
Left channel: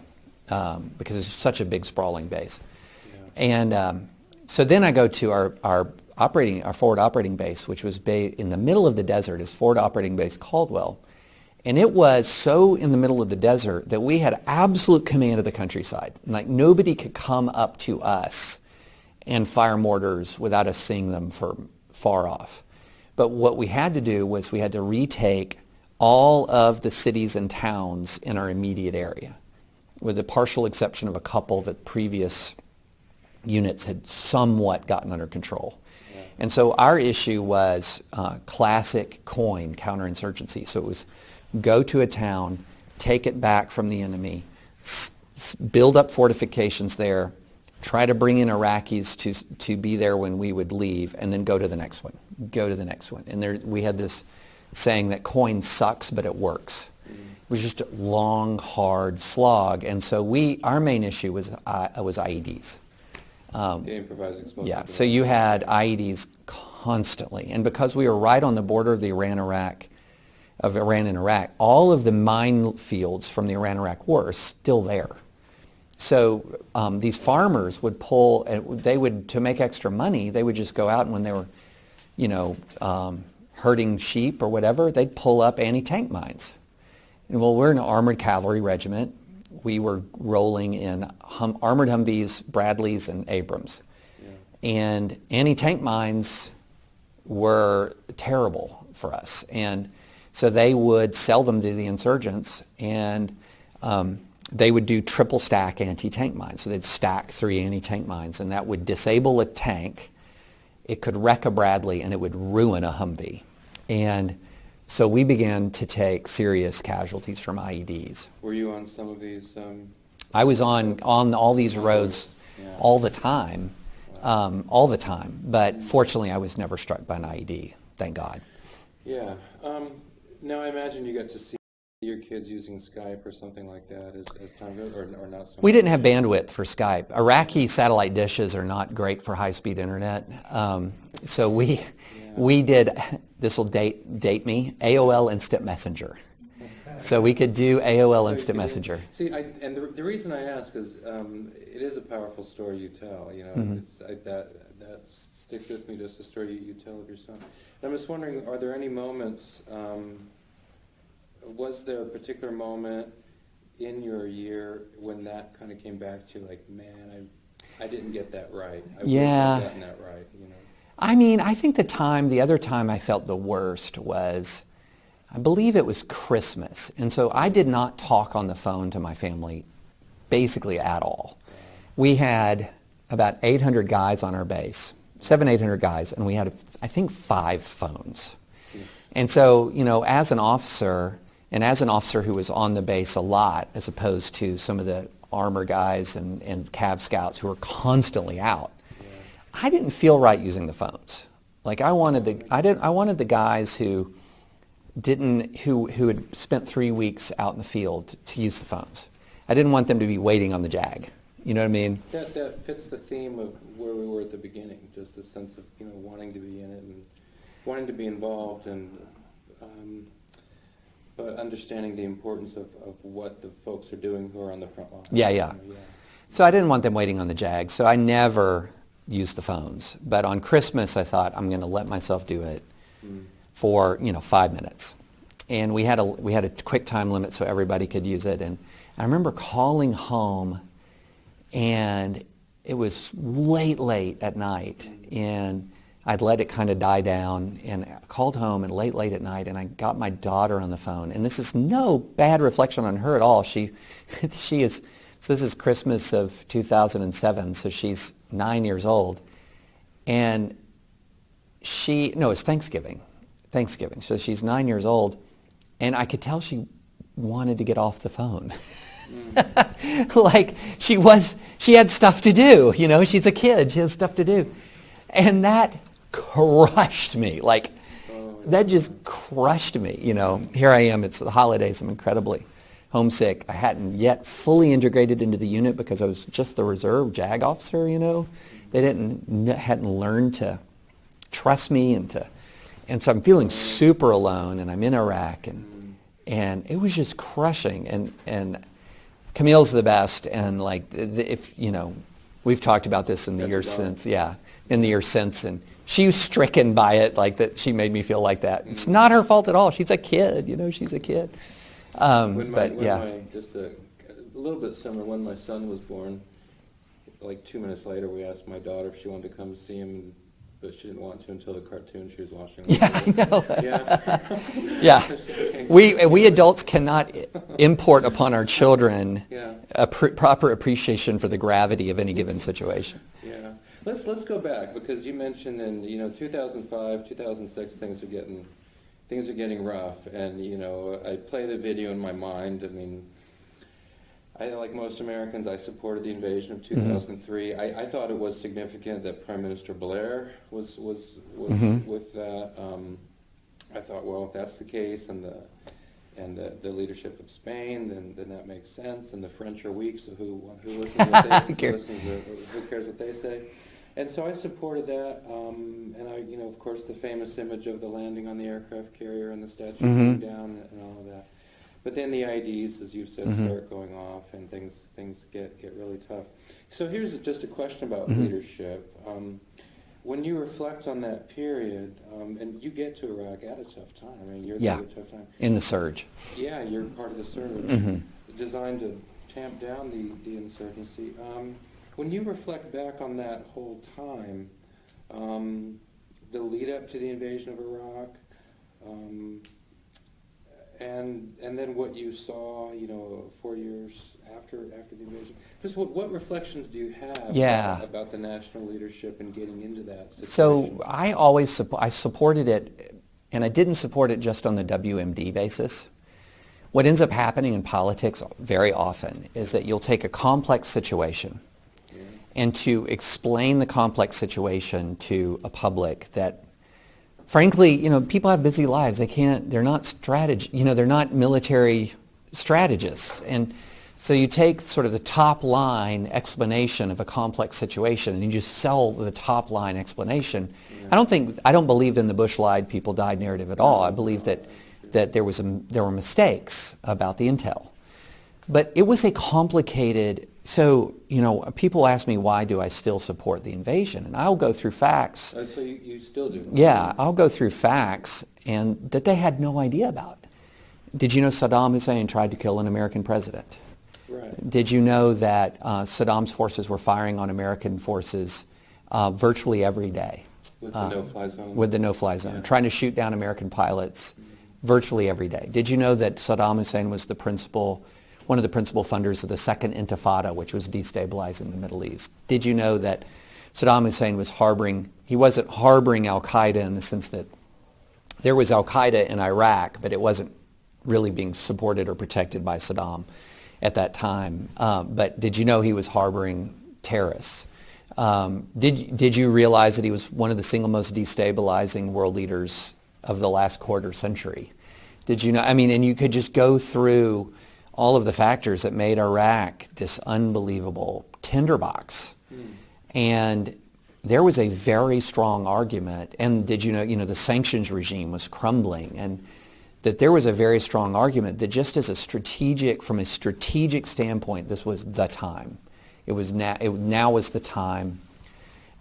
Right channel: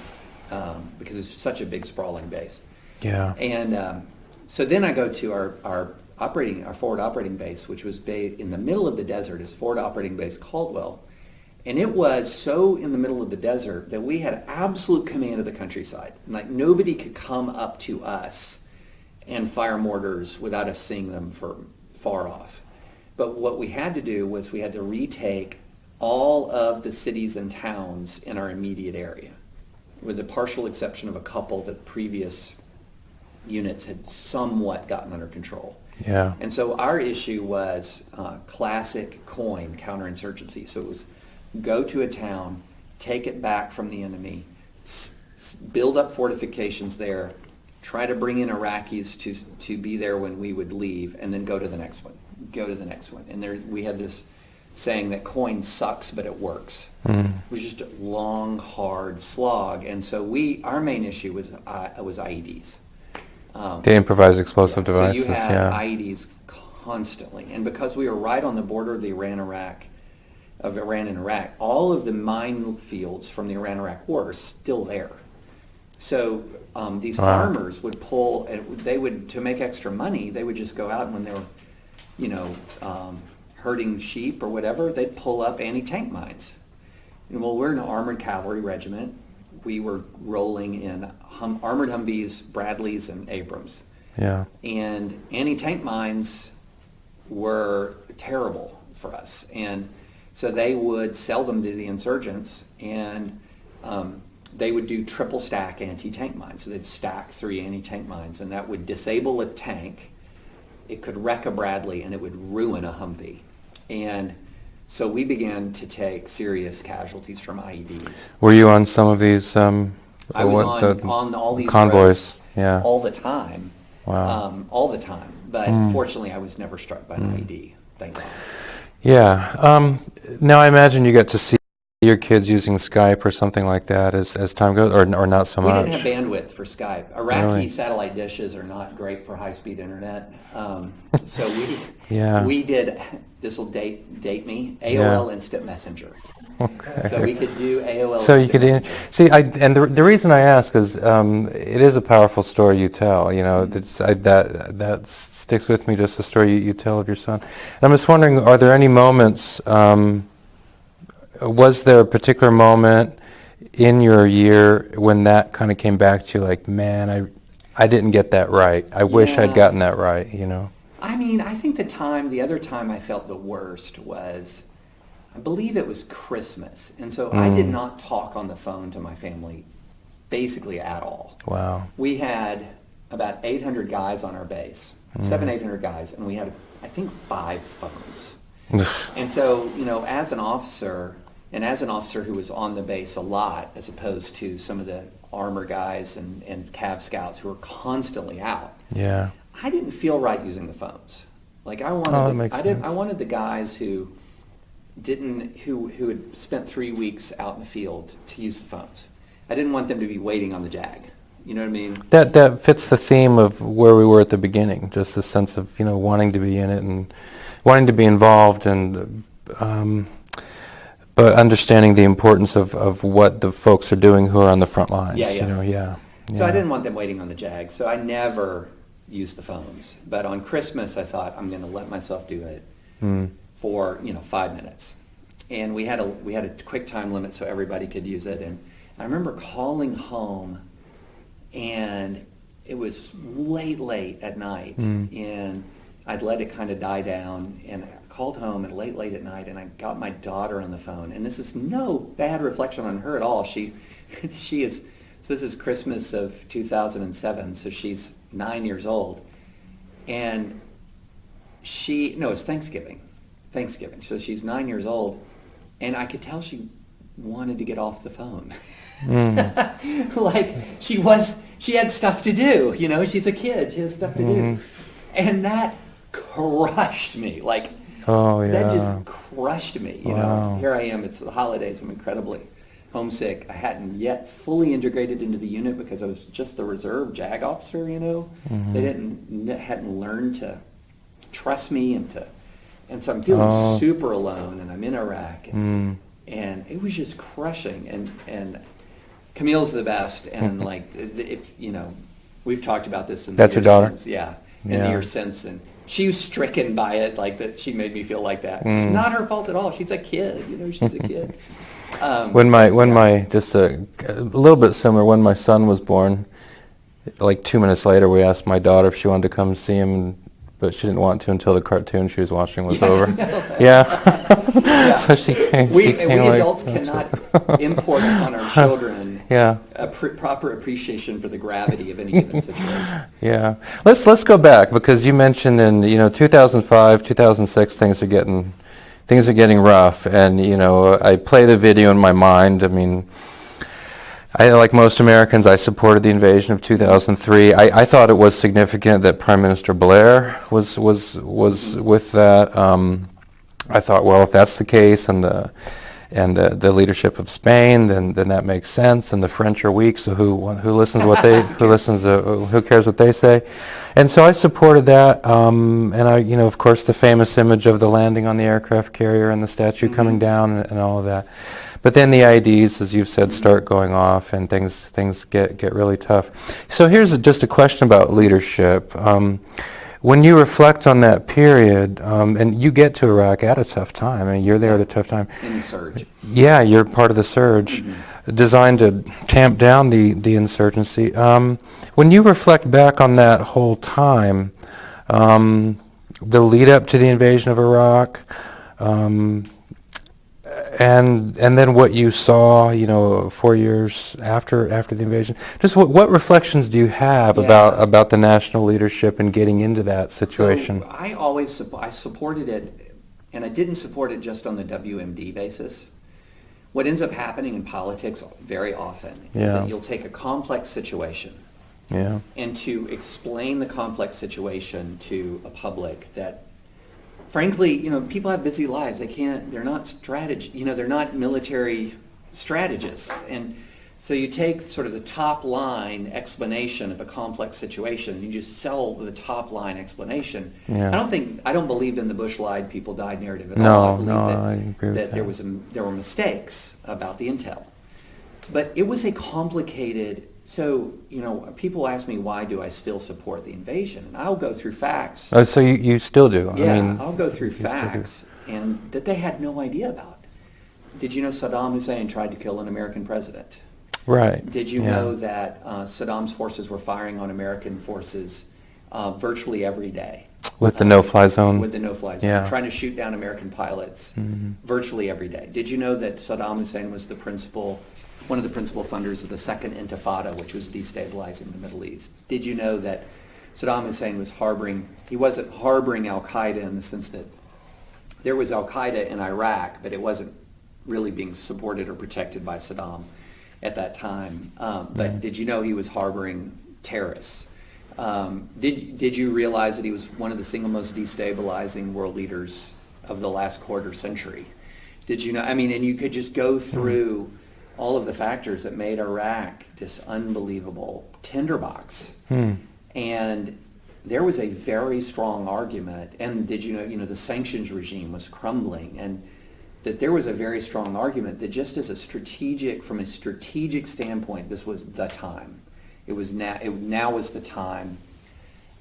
because it's such a big sprawling base. Yeah. And so then I go to our forward operating base, which was in the middle of the desert, is Forward Operating Base Caldwell. And it was so in the middle of the desert that we had absolute command of the countryside. Like, nobody could come up to us and fire mortars without us seeing them from far off. But what we had to do was we had to retake all of the cities and towns in our immediate area, with the partial exception of a couple that previous units had somewhat gotten under control. Yeah. And so our issue was classic coin counterinsurgency. So it was go to a town, take it back from the enemy, build up fortifications there, try to bring in Iraqis to be there when we would leave, and then go to the next one, go to the next one. And we had this saying that coin sucks, but it works. It was just a long, hard slog. And so our main issue was IEDs. The improvised explosive devices. So you had yeah. IEDs constantly. And because we were right on the border of Iran and Iraq, all of the minefields from the Iran-Iraq war are still there. So these farmers would pull, and they would, to make extra money, they would just go out, and when they were, herding sheep or whatever, they'd pull up anti-tank mines. And, well, we're an armored cavalry regiment. We were rolling in armored Humvees, Bradleys, and Abrams. Yeah. And anti-tank mines were terrible for us. And so they would sell them to the insurgents, and they would do triple stack anti-tank mines. So they'd stack 3 anti-tank mines, and that would disable a tank. It could wreck a Bradley, and it would ruin a Humvee. And so we began to take serious casualties from IEDs. Were you on some of these? I was on all these convoys. roads Yeah. all the time. Wow. All the time. But fortunately, I was never struck by an IED, thank God. Yeah. Now I imagine you get to see your kids using Skype or something like that as time goes, or not so much. We didn't have bandwidth for Skype. Iraqi Really? satellite dishes are not great for high-speed internet. So Yeah. we did, this will date me, AOL Instant Messenger. Okay. So we could do AOL So you Instant could Messenger. see, and the reason I ask is it is a powerful story you tell. You know, that sticks with me. Just the story you tell of your son. And I'm just wondering, are there any moments? Was there a particular moment in your year when that kind of came back to you, like, man, I didn't get that right. I wish I'd gotten that right. You know. I mean, I think the other time I felt the worst was, I believe it was Christmas. And so I did not talk on the phone to my family basically at all. Wow. We had about 800 guys on our base, 800 guys, and we had, I think, 5 phones. And so, you know, as an officer who was on the base a lot, as opposed to some of the armor guys and Cav scouts who were constantly out, Yeah. I didn't feel right using the phones. Like I wanted, sense. I wanted the guys who had spent 3 weeks out in the field to use the phones. I didn't want them to be waiting on the JAG. You know what I mean? That fits the theme of where we were at the beginning. Just the sense of, you know, wanting to be in it and wanting to be involved, and but understanding the importance of what the folks are doing who are on the front lines. Yeah. You know, yeah. So I didn't want them waiting on the JAG. So I never used the phones. But on Christmas, I thought I'm going to let myself do it for 5 minutes. And we had a quick time limit so everybody could use it. And I remember calling home, and it was late at night, and I'd let it kind of die down, and I called home, and late at night, and I got my daughter on the phone. And this is no bad reflection on her at all. She is. So this is Christmas of 2007. So she's 9 years old, and it's Thanksgiving. So she's 9 years old, and I could tell she wanted to get off the phone. Like she had stuff to do. You know, she's a kid. She has stuff to do, and that crushed me. Like, that just crushed me. You know, here I am. It's the holidays. I'm incredibly homesick. I hadn't yet fully integrated into the unit because I was just the reserve JAG officer. You know, they hadn't learned to trust me, and so I'm feeling super alone, and I'm in Iraq, and it was just crushing. And Camille's the best, and like if we've talked about this in the That's years your daughter? since, in the years since, and she was stricken by it, like that. She made me feel like that. It's not her fault at all. She's a kid, she's a kid. Just a little bit similar, when my son was born, like 2 minutes later, we asked my daughter if she wanted to come see him, but she didn't want to until the cartoon she was watching was over. Yeah. So she came. We adults cannot import upon our children a proper appreciation for the gravity of any given situation. Yeah. Let's go back, because you mentioned in 2005, 2006 things are getting rough, and I play the video in my mind. I mean, like most Americans, I supported the invasion of 2003. I thought it was significant that Prime Minister Blair was with that. I thought, well, if that's the case, and the leadership of Spain, then that makes sense. And the French are weak, so who listens to what they who cares what they say? And so I supported that. And I, of course, the famous image of the landing on the aircraft carrier and the statue coming down and all of that. But then the IDs, as you've said, start going off, and things get really tough. So here's just a question about leadership. When you reflect on that period, and you get to Iraq at a tough time, I mean, you're there at a tough time. In the surge. Yeah, you're part of the surge, designed to tamp down the insurgency. When you reflect back on that whole time, the lead up to the invasion of Iraq, and then what you saw, 4 years after the invasion. Just what reflections do you have about the national leadership and getting into that situation? So I supported it, and I didn't support it just on the WMD basis. What ends up happening in politics very often is that you'll take a complex situation, and to explain the complex situation to a public that, frankly, people have busy lives. They're not they're not military strategists. And So you take sort of the top line explanation of a complex situation and you just sell the top line explanation. Yeah. I don't believe in the Bush lied, people died narrative at No, all. I believe no, that, I agree with that that. there were mistakes about the intel. But it was a complicated, so, people ask me, why do I still support the invasion? And I'll go through facts. Oh, so you still do? Yeah, I mean, I'll go through facts and that they had no idea about. Did you know Saddam Hussein tried to kill an American president? right. Did you Yeah. know that Saddam's forces were firing on American forces virtually every day? With the no-fly zone? With the no-fly zone, Yeah. trying to shoot down American pilots virtually every day. Did you know that Saddam Hussein was one of the principal funders of the Second Intifada, which was destabilizing the Middle East? Did you know that Saddam Hussein he wasn't harboring al-Qaeda in the sense that there was al-Qaeda in Iraq, but it wasn't really being supported or protected by Saddam at that time. But did you know he was harboring terrorists? Did you realize that he was one of the single most destabilizing world leaders of the last quarter century? Did you know? I mean, and you could just go through all of the factors that made Iraq this unbelievable tinderbox. And there was a very strong argument. And did you know, the sanctions regime was crumbling, and that there was a very strong argument that just from a strategic standpoint, this was the time. Now was the time.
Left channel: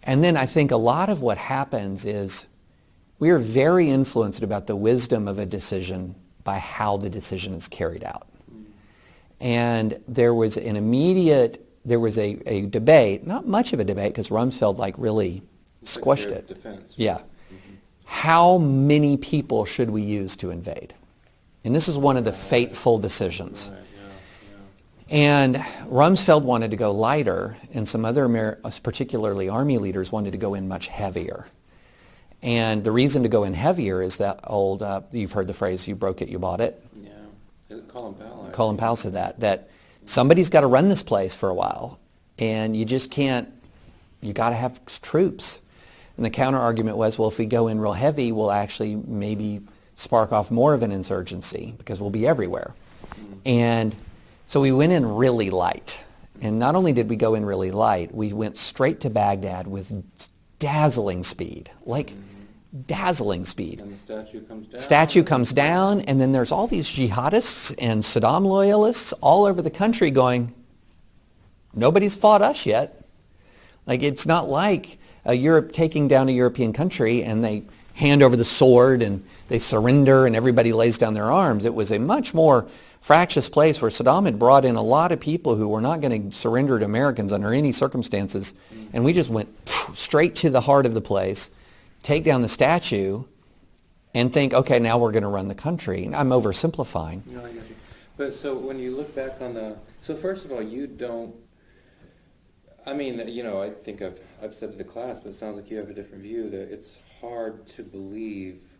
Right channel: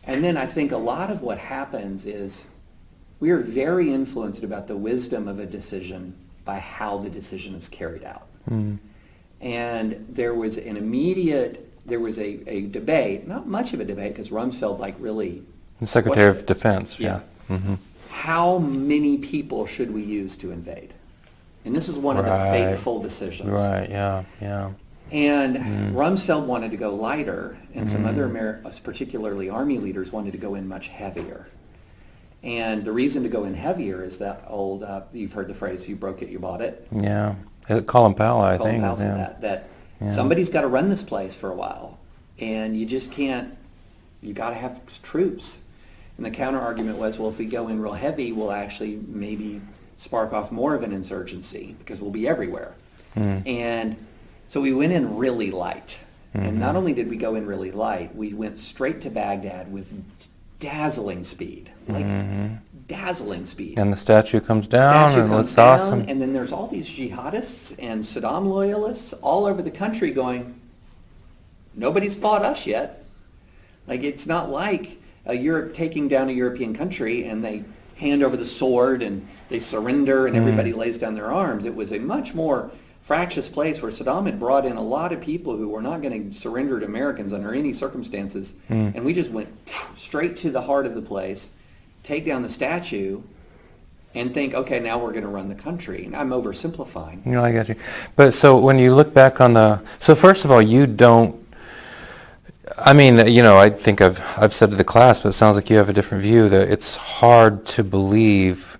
And then I think a lot of what happens is we are very influenced about the wisdom of a decision by how the decision is carried out. And there was a debate, not much of a debate, because Rumsfeld really The Secretary squashed of it. Defense. Yeah. How many people should we use to invade? And this is one of the Right. fateful decisions. Right, yeah. And Rumsfeld wanted to go lighter, and some other, particularly Army leaders, wanted to go in much heavier. And the reason to go in heavier is that old, you've heard the phrase, you broke it, you bought it. Yeah. Colin Powell, I think. Colin Powell said that somebody's got to run this place for a while, and you just can't, you got to have troops. And the counter argument was, well, if we go in real heavy, we'll actually maybe spark off more of an insurgency because we'll be everywhere. And so we went in really light. And not only did we go in really light, we went straight to Baghdad with dazzling speed, dazzling speed. And the statue comes down. Statue and comes it's down, awesome. and then there's all these jihadists and Saddam loyalists all over the country going, nobody's fought us yet. Like, it's not like Europe taking down a European country and they hand over the sword and they surrender and everybody lays down their arms. It was a much more fractious place where Saddam had brought in a lot of people who were not going to surrender to Americans under any circumstances. And we just went straight to the heart of the place, take down the statue, and think, okay, now we're going to run the country. And I'm oversimplifying. I got you. But so when you look back on so first of all, you don't, I mean, I think I've said to the class, but it sounds like you have a different view, that it's hard to believe,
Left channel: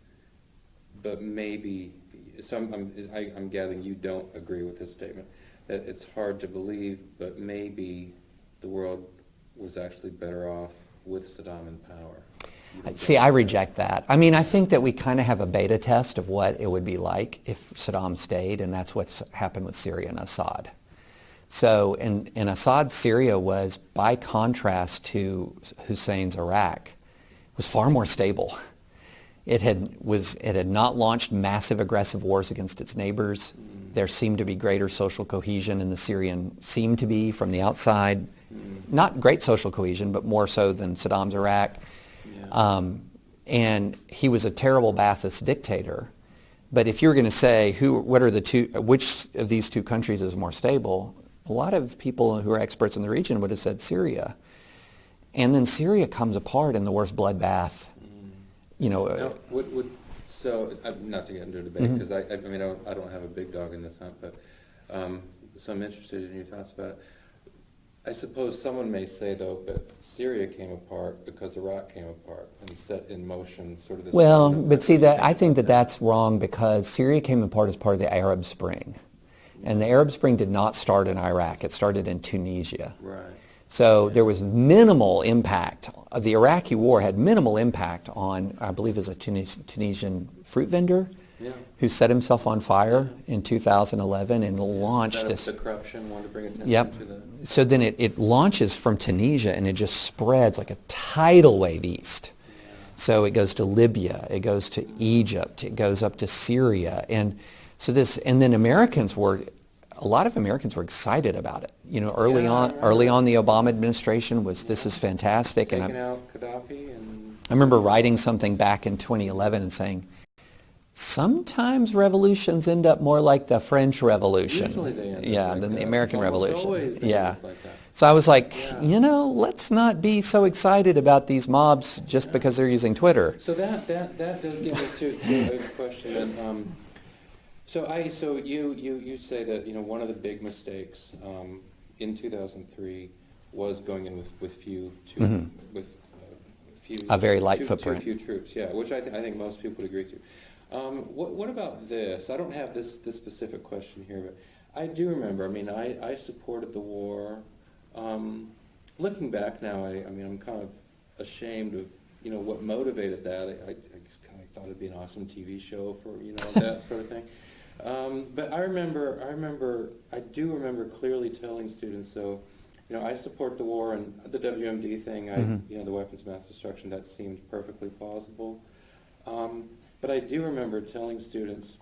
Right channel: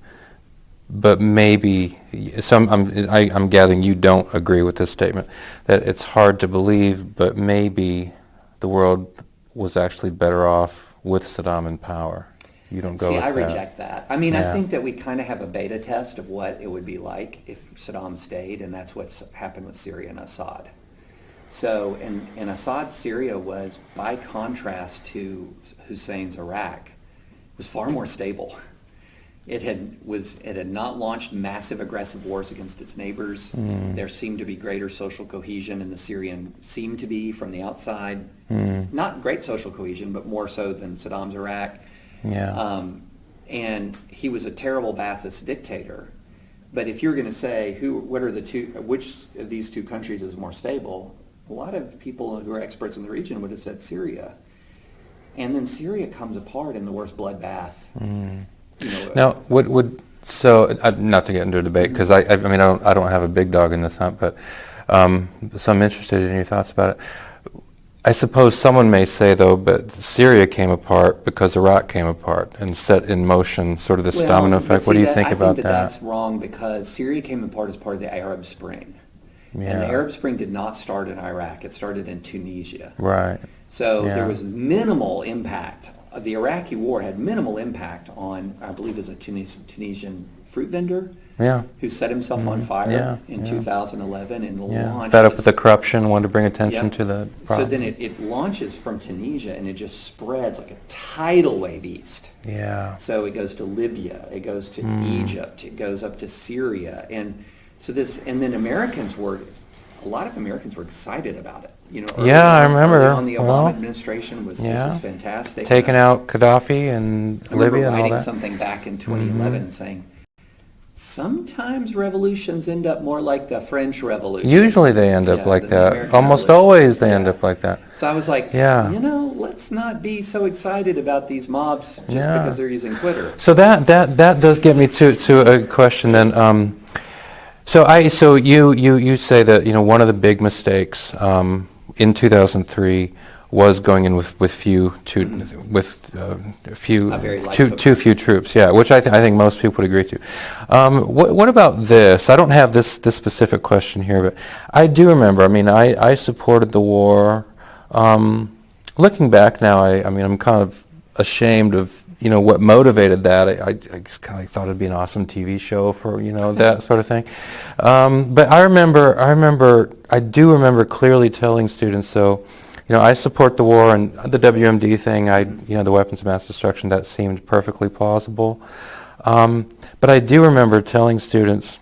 but maybe, so I'm gathering you don't agree with this statement, that it's hard to believe, but maybe the world was actually better off with Saddam in power. You don't go See, with I that. reject that. I mean, I Yeah. think that we kind of have a beta test of what it would be like if Saddam stayed, and that's what's happened with Syria and Assad. So, and Assad's Syria was, by contrast to Hussein's Iraq, was far more stable. It had not launched massive aggressive wars against its neighbors. There seemed to be greater social cohesion in the Syrian, seemed to be from the outside. Not great social cohesion, but more so than Saddam's Iraq. Yeah. And he was a terrible Ba'athist dictator. But if you're going to say which of these two countries is more stable, a lot of people who are experts in the region would have said Syria. And then Syria comes apart in the worst bloodbath. Now, not to get into a debate, because I don't have a big dog in this hunt, but so I'm interested in your thoughts about it. I suppose someone may say, though, but Syria came apart because Iraq came apart and set in motion sort of this domino effect. What do you think about that? I think that's wrong, because Syria came apart as part of the Arab Spring. Yeah. And the Arab Spring did not start in Iraq. It started in Tunisia. Right. So Yeah. there was minimal impact the Iraqi war had minimal impact on, I believe it was a Tunisian fruit vendor Yeah. who set himself on fire Yeah, in yeah. 2011 and Yeah. launched Fed up this. with the corruption, wanted to bring attention Yep. to the So problem. then it launches from Tunisia and it just spreads like a tidal wave east. Yeah. So it goes to Libya, it goes to Egypt, it goes up to Syria, and so and then a lot of Americans were excited about it. You know, I remember. Early on, the Obama Well, administration was, this yeah. is fantastic. Taking And out Gaddafi and I remember Libya and all writing that. something back in 2011 and saying, sometimes revolutions end up more like the French Revolution. Usually they end up Yeah, like the that. American Almost Revolution. always they end Yeah. up like that. So I was like, Yeah. let's not be so excited about these mobs just Yeah. because they're using Twitter. So that does get me to a question then. So you say that one of the big mistakes in 2003 was going in with few A very light too footprint. few troops. Yeah, which I think most people would agree to. What about this? I don't have this specific question here, but I do remember. I mean, I supported the war. Looking back now, I'm kind of ashamed of what motivated that. I just kind of thought it'd be an awesome TV show for that sort of thing. But I do remember clearly telling students, so I support the war and the WMD thing. The weapons of mass destruction, that seemed perfectly plausible. But I do remember telling students,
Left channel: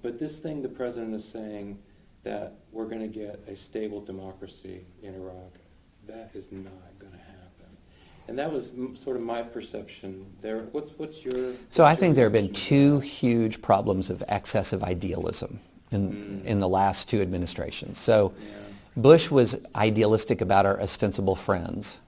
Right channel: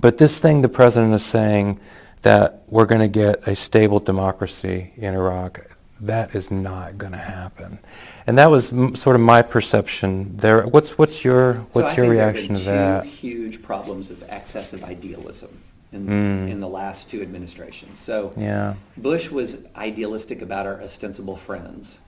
but this thing the president is saying that we're going to get a stable democracy in Iraq, that is not going to happen. And that was sort of my perception there. What's your So I think there have reaction been to two that? huge problems of excessive idealism in the last two administrations. So Yeah. Bush was idealistic about our ostensible friends,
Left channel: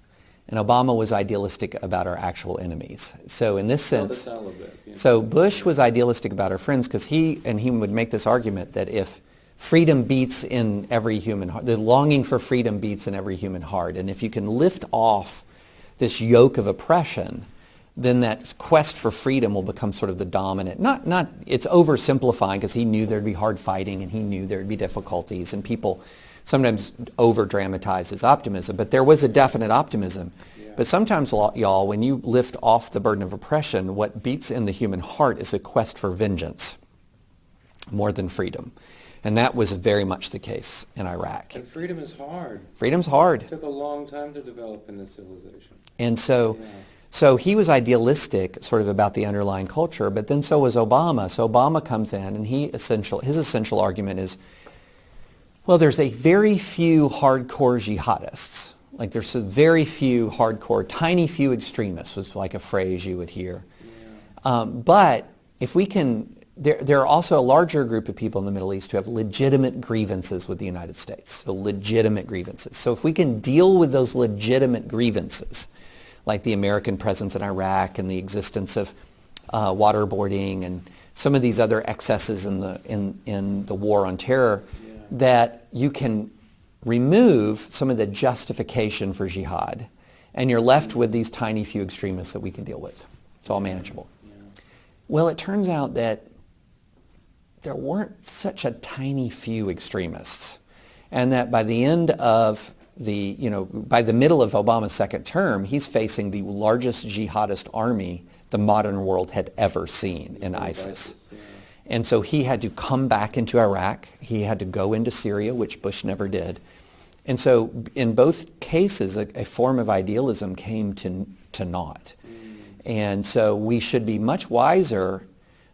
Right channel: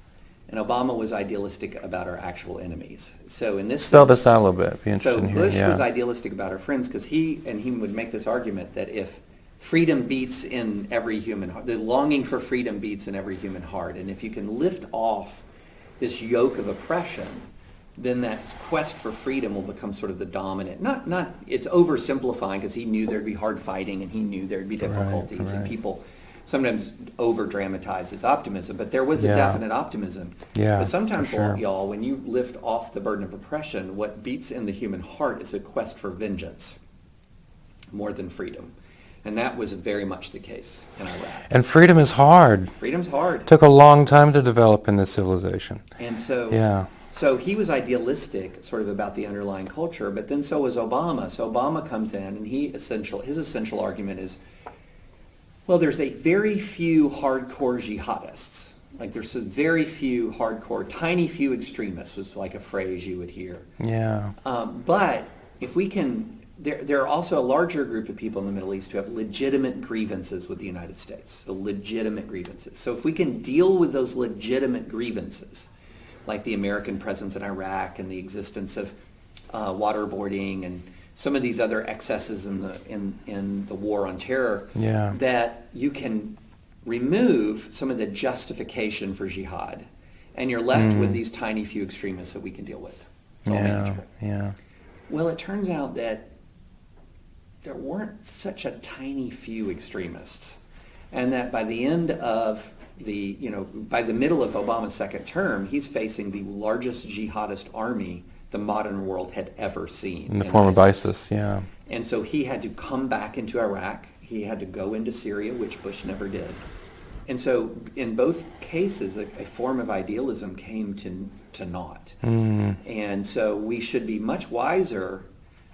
and Obama was idealistic about our actual enemies. So in this Spell sense, this out a little bit. Be so interested in hearing, Bush was yeah. idealistic about our friends because he would make this argument that if freedom beats in every human heart, the longing for freedom beats in every human heart, and if you can lift off this yoke of oppression, then that quest for freedom will become sort of the dominant. Not it's oversimplifying because he knew there'd be hard fighting and he knew there'd be difficulties and people sometimes over dramatize his optimism, but there was a definite optimism. Yeah, but sometimes, for sure. y'all, when you lift off the burden of oppression, what beats in the human heart is a quest for vengeance more than freedom. And that was very much the case in Iraq. And freedom is hard. Freedom's hard. It took a long time to develop in this civilization. And so, Yeah. so he was idealistic sort of about the underlying culture, but then so was Obama. So Obama comes in and his essential argument is, well, there's a very few hardcore jihadists. Like there's a very few hardcore, tiny few extremists was like a phrase you would hear. Yeah. But if we can, there are also a larger group of people in the Middle East who have legitimate grievances with the United States. So legitimate grievances. So if we can deal with those legitimate grievances, like the American presence in Iraq and the existence of waterboarding and some of these other excesses in the war on terror, Yeah. that you can remove some of the justification for jihad, and you're left with these tiny few extremists that we can deal with. It's all manageable. Yeah. Well, it turns out that there weren't such a tiny few extremists, and that by the end of by the middle of Obama's second term, he's facing the largest jihadist army the modern world had ever seen. In the form of ISIS, yeah. And so he had to come back into Iraq. He had to go into Syria, which Bush never did. And so in both cases, a form of idealism came to naught. And so we should be much wiser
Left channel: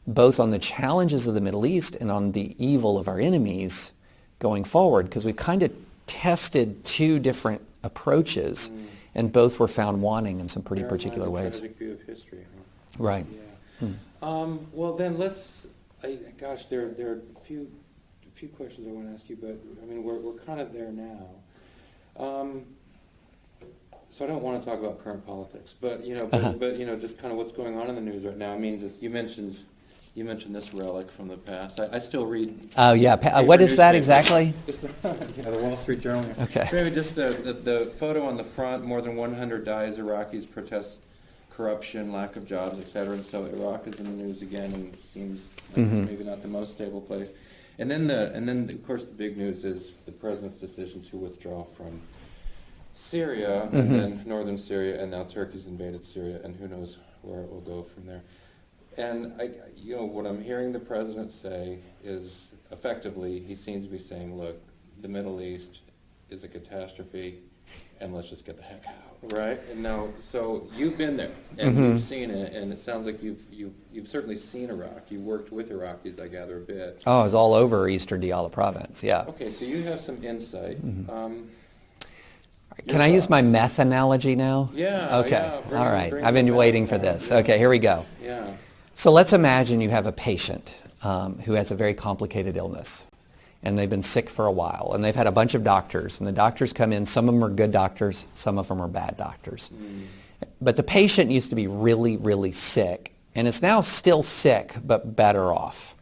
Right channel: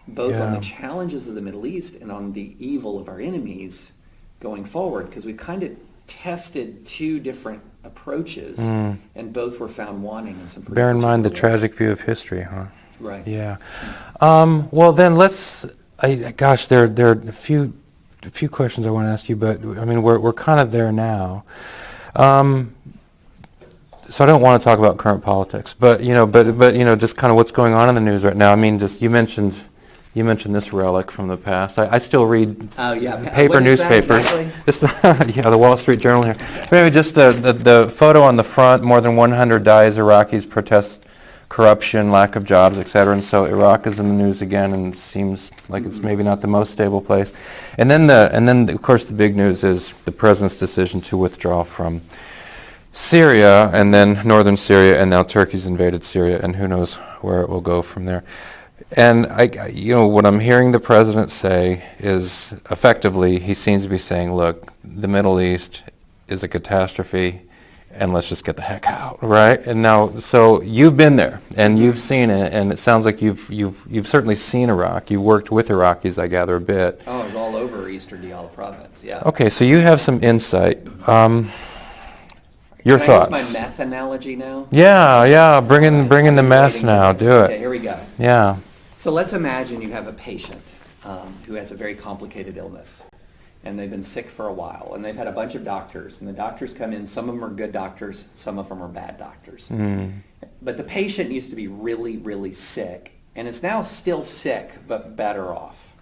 both on the challenges of the Middle East and on the evil of our enemies going forward, because we kind of tested two different approaches, and both were found wanting in some pretty Bear in mind the particular ways. tragic view of history, huh? Right. Yeah. Well, then gosh, there are a few questions I want to ask you, but I mean we're kind of there now. So I don't want to talk about current politics, but just kind of what's going on in the news right now. I mean, just you mentioned this relic from the past. I still read paper what is that newspapers. exactly? The Wall Street Journal here. Maybe just the photo on the front. More than 100 dies. Iraqis protest corruption, lack of jobs, etc. And so Iraq is in the news again, and seems like it's maybe not the most stable place. And then of course the big news is the president's decision to withdraw from Syria, and then northern Syria, and now Turkey's invaded Syria, and who knows where it will go from there. And what I'm hearing the president say is, effectively, he seems to be saying, look, the Middle East is a catastrophe, and let's just get the heck out, right? And now, so you've been there, and you've seen it, and it sounds like you've certainly seen Iraq. You worked with Iraqis, I gather, a bit. Oh, I was all over Eastern Diyala province, yeah. Okay, so you have some insight. Your Can thoughts? I use my meth analogy now? Yeah. Bring in I've the been mess waiting now. for this. Do Okay, it. here we go. Yeah. So let's imagine you have a patient who has a very complicated illness, and they've been sick for a while, and they've had a bunch of doctors, and the doctors come in. Some of them are good doctors, some of them are bad doctors. But the patient used to be really, really sick, and is now still sick, but better off.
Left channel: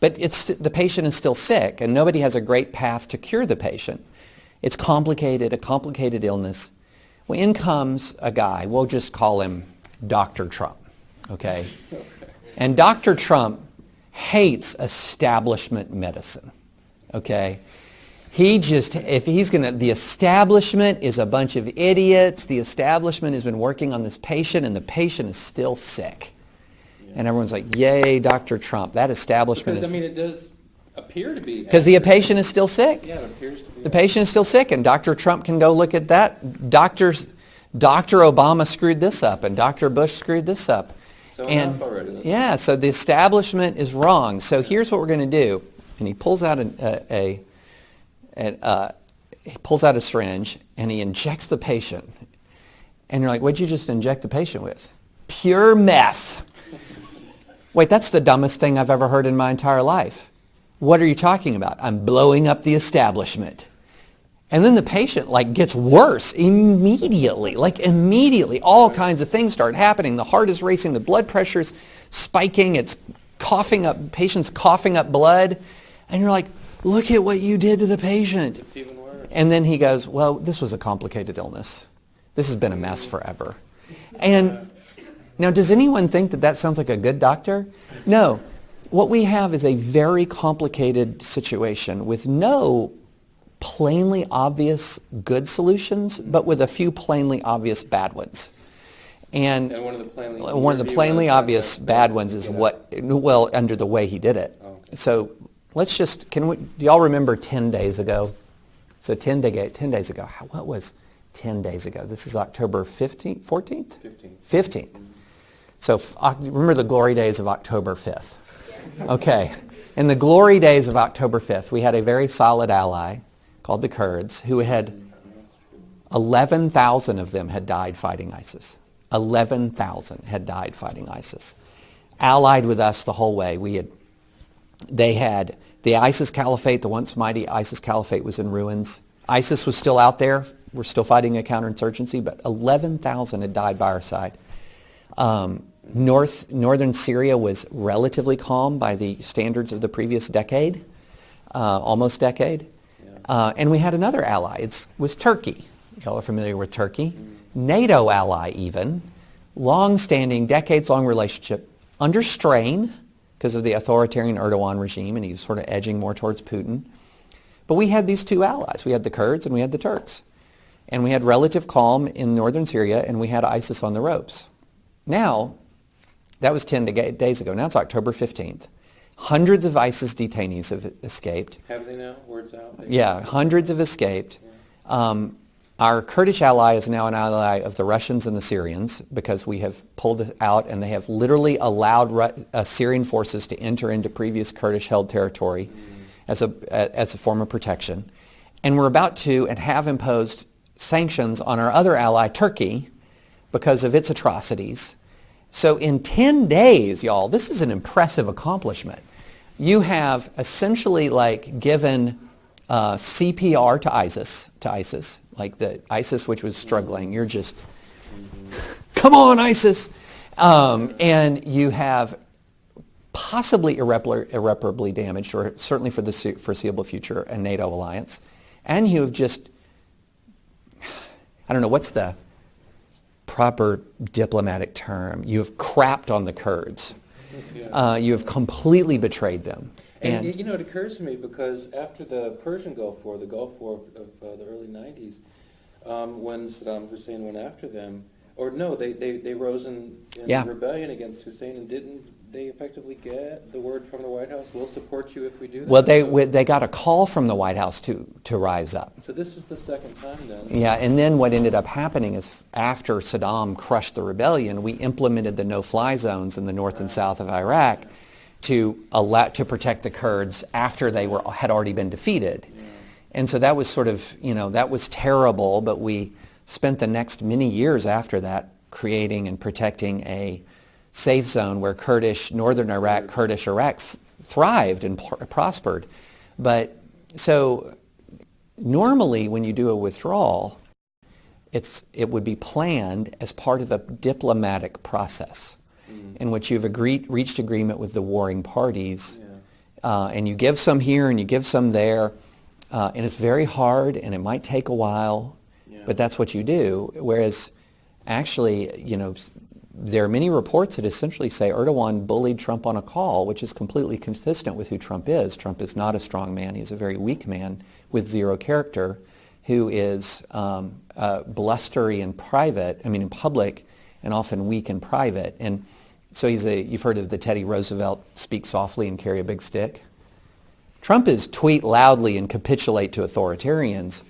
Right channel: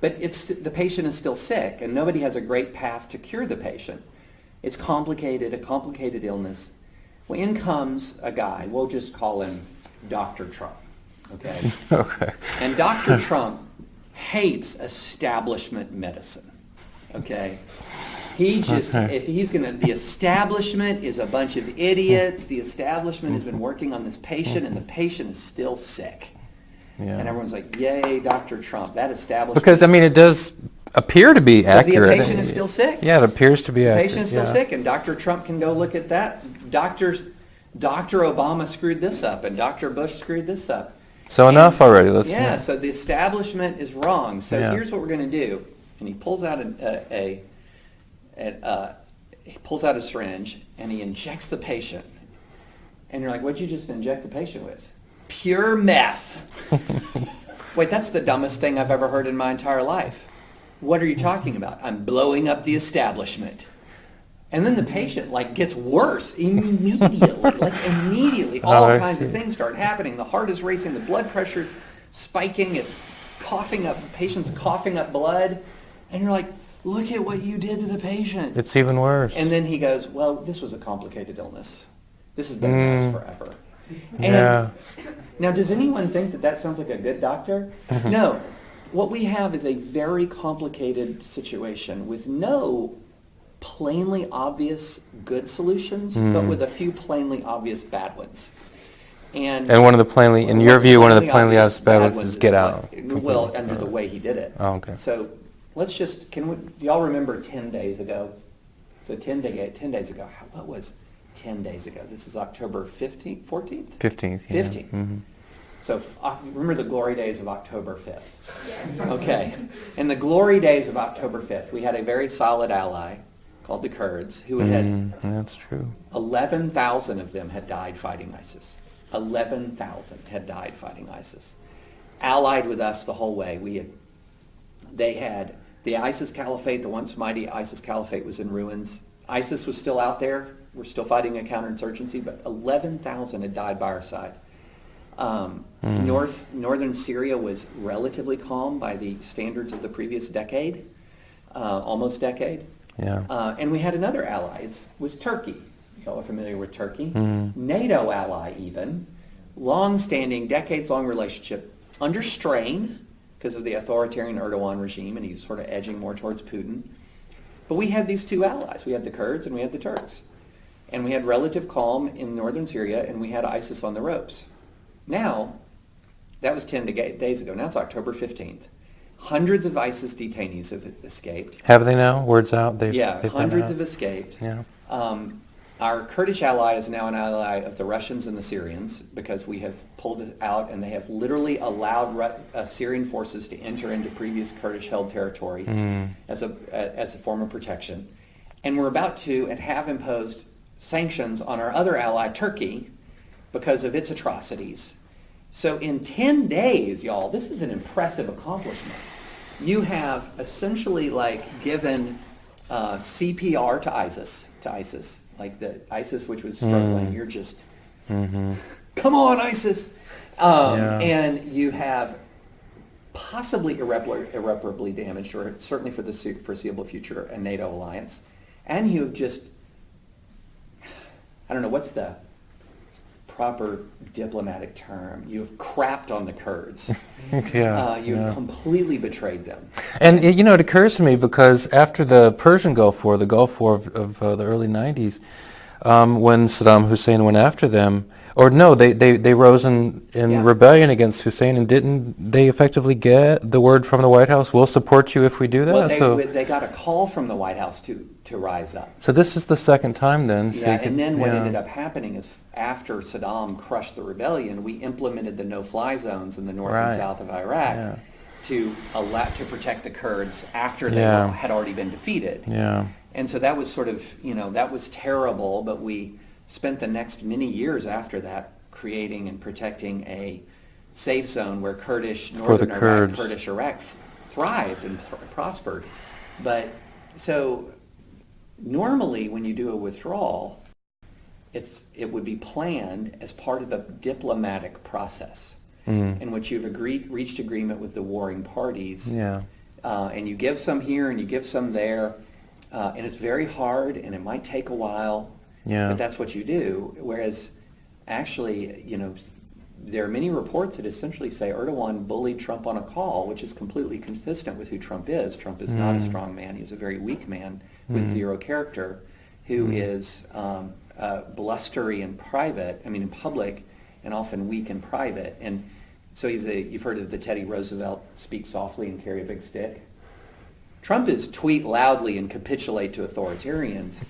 But the patient is still sick, and nobody has a great path to cure the patient. It's complicated, a complicated illness. Well, in comes a guy, we'll just call him Dr. Trump, okay? Okay. And Dr. Trump hates establishment medicine, okay? He just, if he's going to, the establishment is a bunch of idiots. The establishment has been working on this patient, and the patient is still sick. Yeah. And everyone's like, yay, Dr. Trump, that establishment. Because, it does appear to be accurate. Because the patient is still sick. Yeah, it appears to be The accurate. patient is still sick, and Dr. Trump can go look at that. Dr. Obama screwed this up, and Dr. Bush screwed this up. So enough already. Let's So the establishment is wrong. So Yeah. here's what we're going to do. And he pulls out he pulls out a syringe, and he injects the patient. And you're like, what'd you just inject the patient with? Pure meth. Wait, that's the dumbest thing I've ever heard in my entire life. What are you talking about? I'm blowing up the establishment. And then the patient gets worse immediately. All kinds of things start happening. The heart is racing, the blood pressure's spiking, it's coughing up, patient's coughing up blood. And you're like, look at what you did to the patient. It's even worse. And then he goes, well, this was a complicated illness. This has been a mess forever. And now, does anyone think that sounds like a good doctor? No. What we have is a very complicated situation with no plainly obvious good solutions, but with a few plainly obvious bad ones. And one of the plainly, in your view, one of the plainly obvious bad ones is get out. Well, under the way he did it. Oh, okay. So let's just, do y'all remember 10 days ago? So 10 days ago, what was 10 days ago? This is October 15th, 14th? 15th. 15th. Mm-hmm. So remember the glory days of October 5th? Yes. Okay. In the glory days of October 5th, we had a very solid ally called the Kurds who had... That's true. 11,000 of them had died fighting ISIS. 11,000 had died fighting ISIS. Allied with us the whole way. They had the ISIS caliphate, the once mighty ISIS caliphate was in ruins. ISIS was still out there. We're still fighting a counterinsurgency, but 11,000 had died by our side. Northern Syria was relatively calm by the standards of the previous decade, almost decade. Yeah. And we had another ally. It was Turkey. Y'all are familiar with Turkey. NATO ally even. Long-standing, decades-long relationship under strain because of the authoritarian Erdogan regime, and he's sort of edging more towards Putin. But we had these two allies. We had the Kurds and we had the Turks. And we had relative calm in northern Syria, and we had ISIS on the ropes. Now, that was 10 days ago. Now it's October 15th. Hundreds of ISIS detainees have escaped. Have they now? Word's out? Hundreds have escaped. Yeah. Our Kurdish ally is now an ally of the Russians and the Syrians because we have pulled it out, and they have literally allowed Syrian forces to enter into previous Kurdish-held territory as a form of protection. And we're about to and have imposed sanctions on our other ally, Turkey, because of its atrocities. So in 10 days, y'all, this is an impressive accomplishment. You have essentially given CPR to ISIS, like the ISIS which was struggling. You're just, come on, ISIS. And you have possibly irreparably damaged, or certainly for the foreseeable future, a NATO alliance. And you have just, I don't know, what's the proper diplomatic term? You've crapped on the Kurds. You have completely betrayed them. And it occurs to me because after the Persian Gulf War, the Gulf War of the early 90s, when Saddam Hussein went after them. Or no, they rose in Yeah. rebellion against Hussein, and didn't they effectively get the word from the White House, we'll support you if we do that? Well, So, they got a call from the White House to rise up. so this is the second time then. Yeah, and then what Yeah. ended up happening is after Saddam crushed the rebellion, we implemented the no-fly zones in the north and Right. south of Iraq Yeah. to protect the Kurds after they Yeah. had already been defeated. Yeah. And so that was sort of, that was terrible, but we spent the next many years after that creating and protecting a safe zone where northern Iraq, Kurds. Kurdish Iraq thrived and prospered. But so normally when you do a withdrawal, it would be planned as part of a diplomatic process in which you've reached agreement with the warring parties. Yeah. And you give some here and you give some there. And it's very hard and it might take a while, Yeah. but that's what you do. Whereas actually, there are many reports that essentially say Erdogan bullied Trump on a call, which is completely consistent with who Trump is. Trump is not a strong man. He's a very weak man with zero character who is blustery in public, and often weak in private. And so you've heard of the Teddy Roosevelt speak softly and carry a big stick. Trump is tweet loudly and capitulate to authoritarians.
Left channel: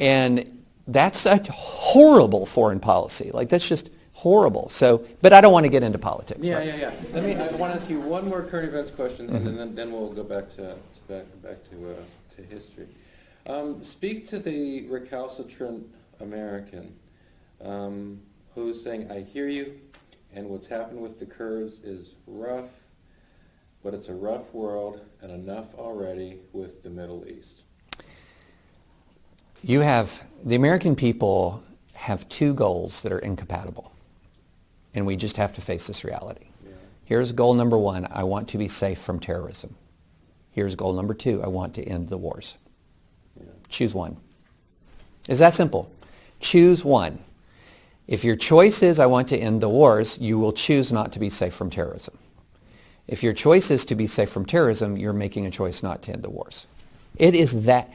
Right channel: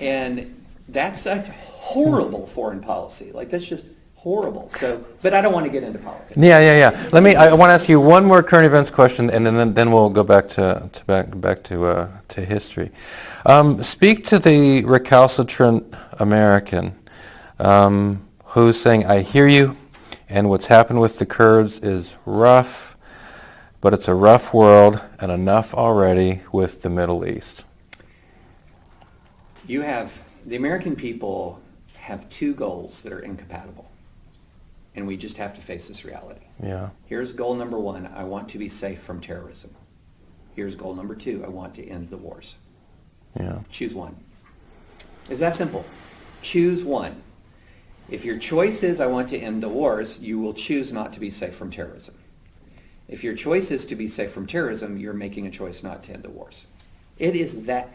And that's a horrible foreign policy. Like, that's just horrible. So, but I don't want to get into politics. Yeah. I want to ask you one more current events question, and then we'll go back to history. Speak to the recalcitrant American who's saying, "I hear you, and what's happened with the Kurds is rough, but it's a rough world, and enough already with the Middle East." The American people have two goals that are incompatible, and we just have to face this reality. Yeah. Here's goal number one: I want to be safe from terrorism. Here's goal number two: I want to end the wars. Yeah. Choose one. It's that simple. Choose one. If your choice is I want to end the wars, you will choose not to be safe from terrorism. If your choice is to be safe from terrorism, you're making a choice not to end the wars. It is that.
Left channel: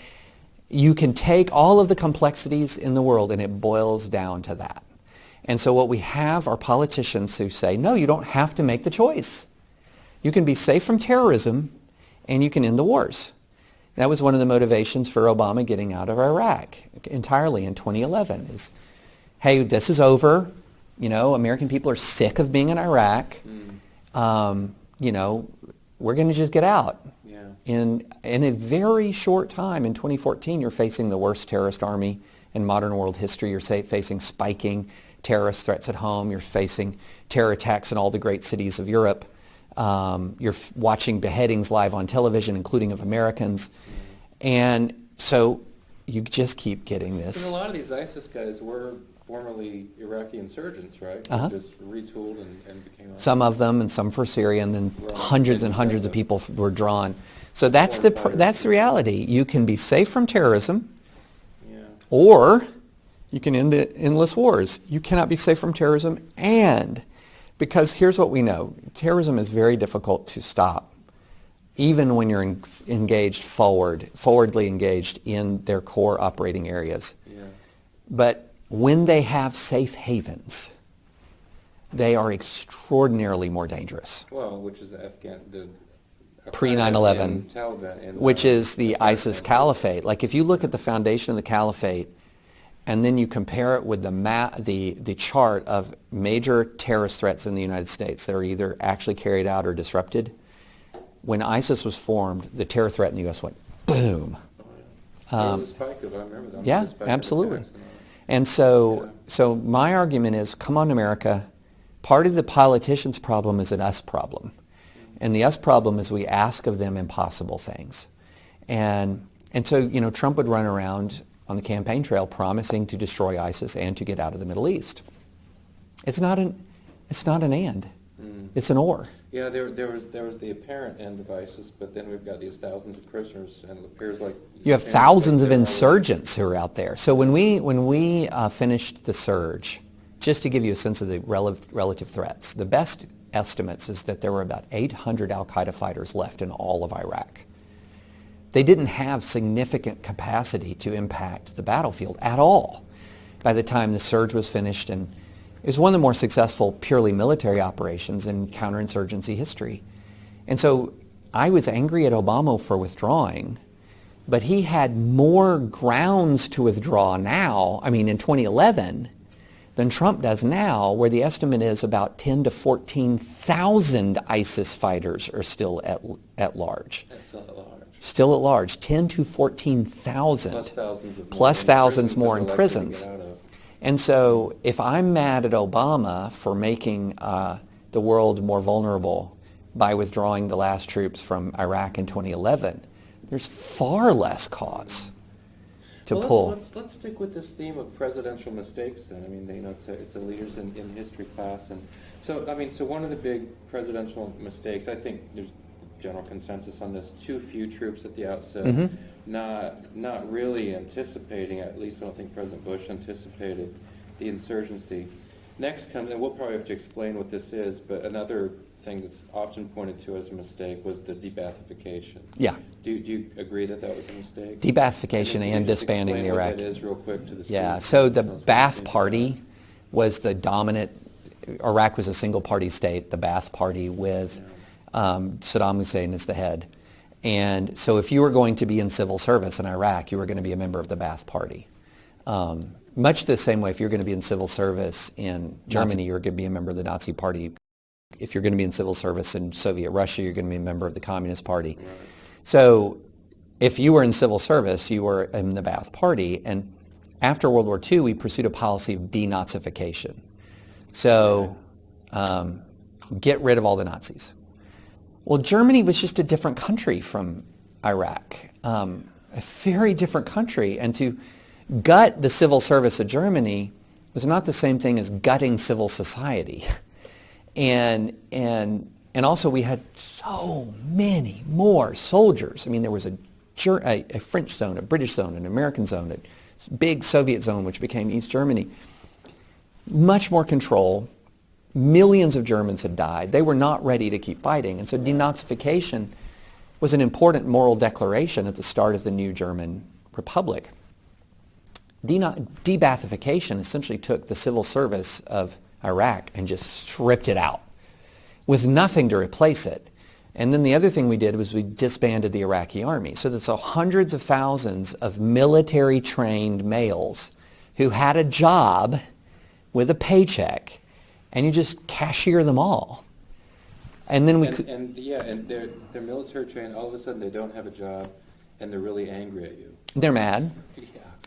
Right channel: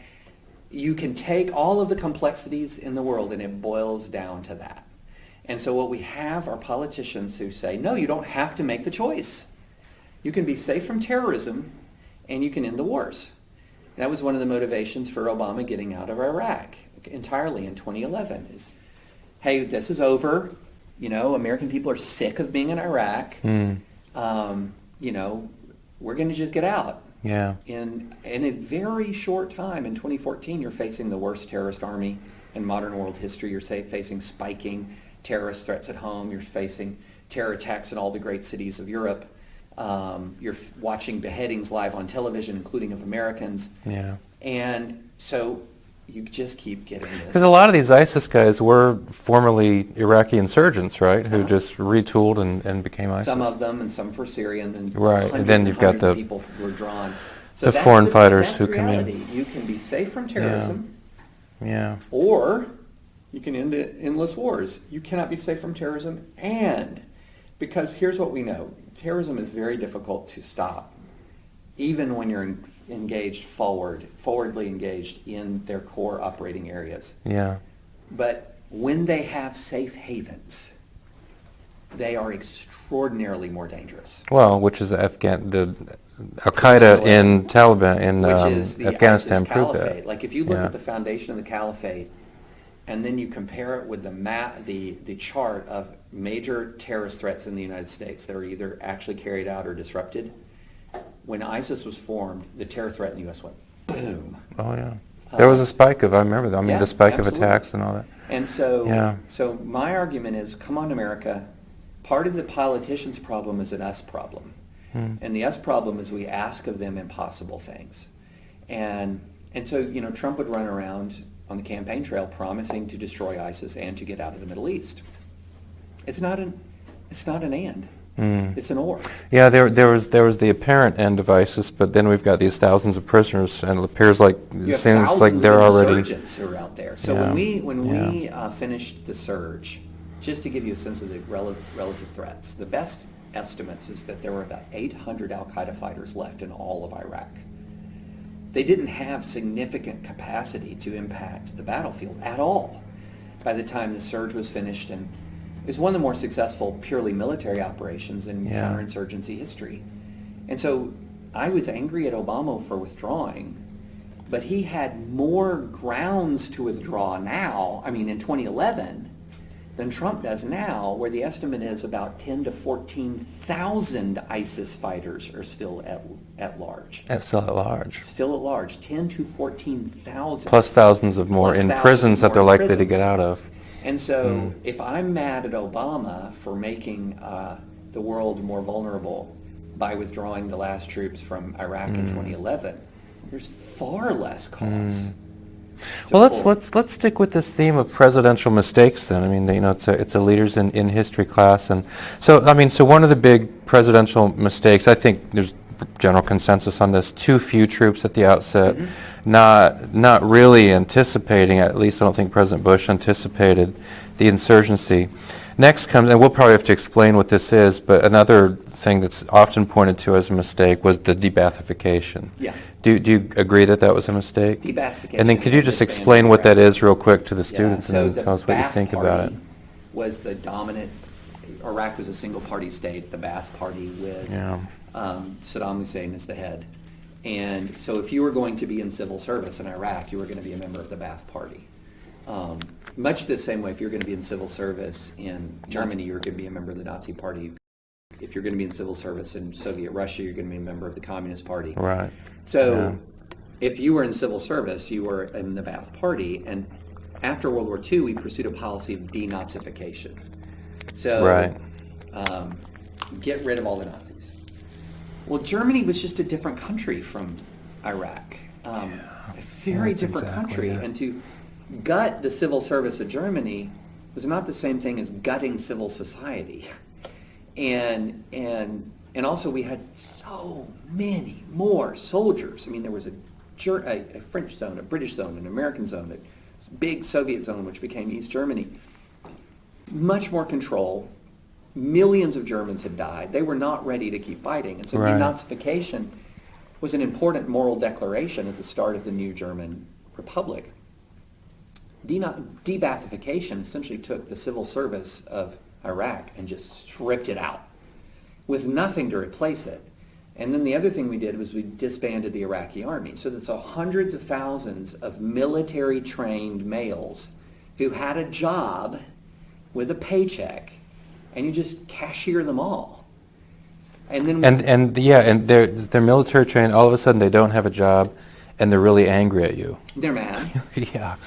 You can take all of the complexities in the world and it boils down to that. And so what we have are politicians who say, no, you don't have to make the choice. You can be safe from terrorism and you can end the wars. That was one of the motivations for Obama getting out of Iraq entirely in 2011 is, hey, this is over. American people are sick of being in Iraq. We're going to just get out. Yeah. In a very short time, in 2014, you're facing the worst terrorist army in modern world history. You're facing spiking terrorist threats at home. You're facing terror attacks in all the great cities of Europe. You're watching beheadings live on television, including of Americans. Yeah. And so you just keep getting this. Because a lot of these ISIS guys were formerly Iraqi insurgents, right? Who just retooled and became ISIS. Some of them, and some for Syria, and then Right. hundreds Then and you've got hundreds of the- people were drawn. So the foreign fighters that's the who come in. reality. You can be safe from terrorism, Yeah. or you can end the endless wars. You cannot be safe from terrorism, and because here's what we know. Terrorism is very difficult to stop, even when you're forwardly engaged in their core operating areas. Yeah. But when they have safe havens, they are extraordinarily more dangerous. Well, which is the Al-Qaeda 9/11, in Taliban in which is the Afghanistan ISIS proved caliphate. that. Like if you look Yeah. at the foundation of the caliphate, and then you compare it with the chart of major terrorist threats in the United States that are either actually carried out or disrupted, when ISIS was formed, the terror threat in the U.S. went boom. Oh yeah. There was a spike of, I remember that. I mean, Yeah, the spike absolutely. of attacks and all that. And so, Yeah. so my argument is, come on, America. Part of the politicians' problem is an us problem. And the us problem is we ask of them impossible things. And so, Trump would run around on the campaign trail promising to destroy ISIS and to get out of the Middle East. It's not an and. It's an or. Yeah, there was the apparent end of ISIS, but then we've got these thousands of prisoners, and it appears like You have seems thousands like of they're already. insurgents who are out there. So when we finished the surge, just to give you a sense of the relative threats, the best estimates is that there were about 800 al-Qaeda fighters left in all of Iraq. they didn't have significant capacity to impact the battlefield at all by the time the surge was finished. And it was one of the more successful purely military operations in counterinsurgency history. And so I was angry at Obama for withdrawing, but he had more grounds to withdraw now, I mean in 2011, than Trump does now, where the estimate is about 10 to 14,000 ISIS fighters are still at large. Still at large. Still at large, 10 to 14,000. Plus thousands of more in prisons that they're likely to get out of. And so if I'm mad at Obama for making the world more vulnerable by withdrawing the last troops from Iraq in 2011, there's far less cause to well, pull. let's stick with this theme of presidential mistakes then. I mean, it's a leaders in history class, and so one of the big presidential mistakes, I think there's general consensus on this: too few troops at the outset, not really anticipating. At least I don't think President Bush anticipated the insurgency. Next comes, and we'll probably have to explain what this is, but another thing that's often pointed to as a mistake was the de-Baathification. Yeah. Do you agree that that was a mistake? De-Baathification. And then could you just explain what that is real quick to the students? So and the tell us what you Ba'ath think about it? Party was the dominant, Iraq was a single party state, the Ba'ath Party with Saddam Hussein as the head. And so if you were going to be in civil service in Iraq, you were going to be a member of the Ba'ath Party. Much the same way, if you're going to be in civil service in Germany, you're going to be a member of the Nazi Party. If you're going to be in civil service in Soviet Russia, you're going to be a member of the Communist Party. Right. So if you were in civil service, you were in the Ba'ath Party. And after World War II, we pursued a policy of denazification. So get rid of all the Nazis. Well, Germany was just a different country from Iraq. A very different country. And to gut the civil service of Germany was not the same thing as gutting civil society. And also we had so many more soldiers. I mean, there was a French zone, a British zone, an American zone, a big Soviet zone, which became East Germany. Much more control. Millions of Germans had died. They were not ready to keep fighting. And so denazification was an important moral declaration at the start of the new German Republic. De-Baathification essentially took the civil service of Iraq and just stripped it out with nothing to replace it. And then the other thing we did was we disbanded the Iraqi army. So that's hundreds of thousands of military trained males who had a job with a paycheck, and you just cashier them all. And then and they're military trained. All of a sudden they don't have a job, and they're really angry at you. They're mad.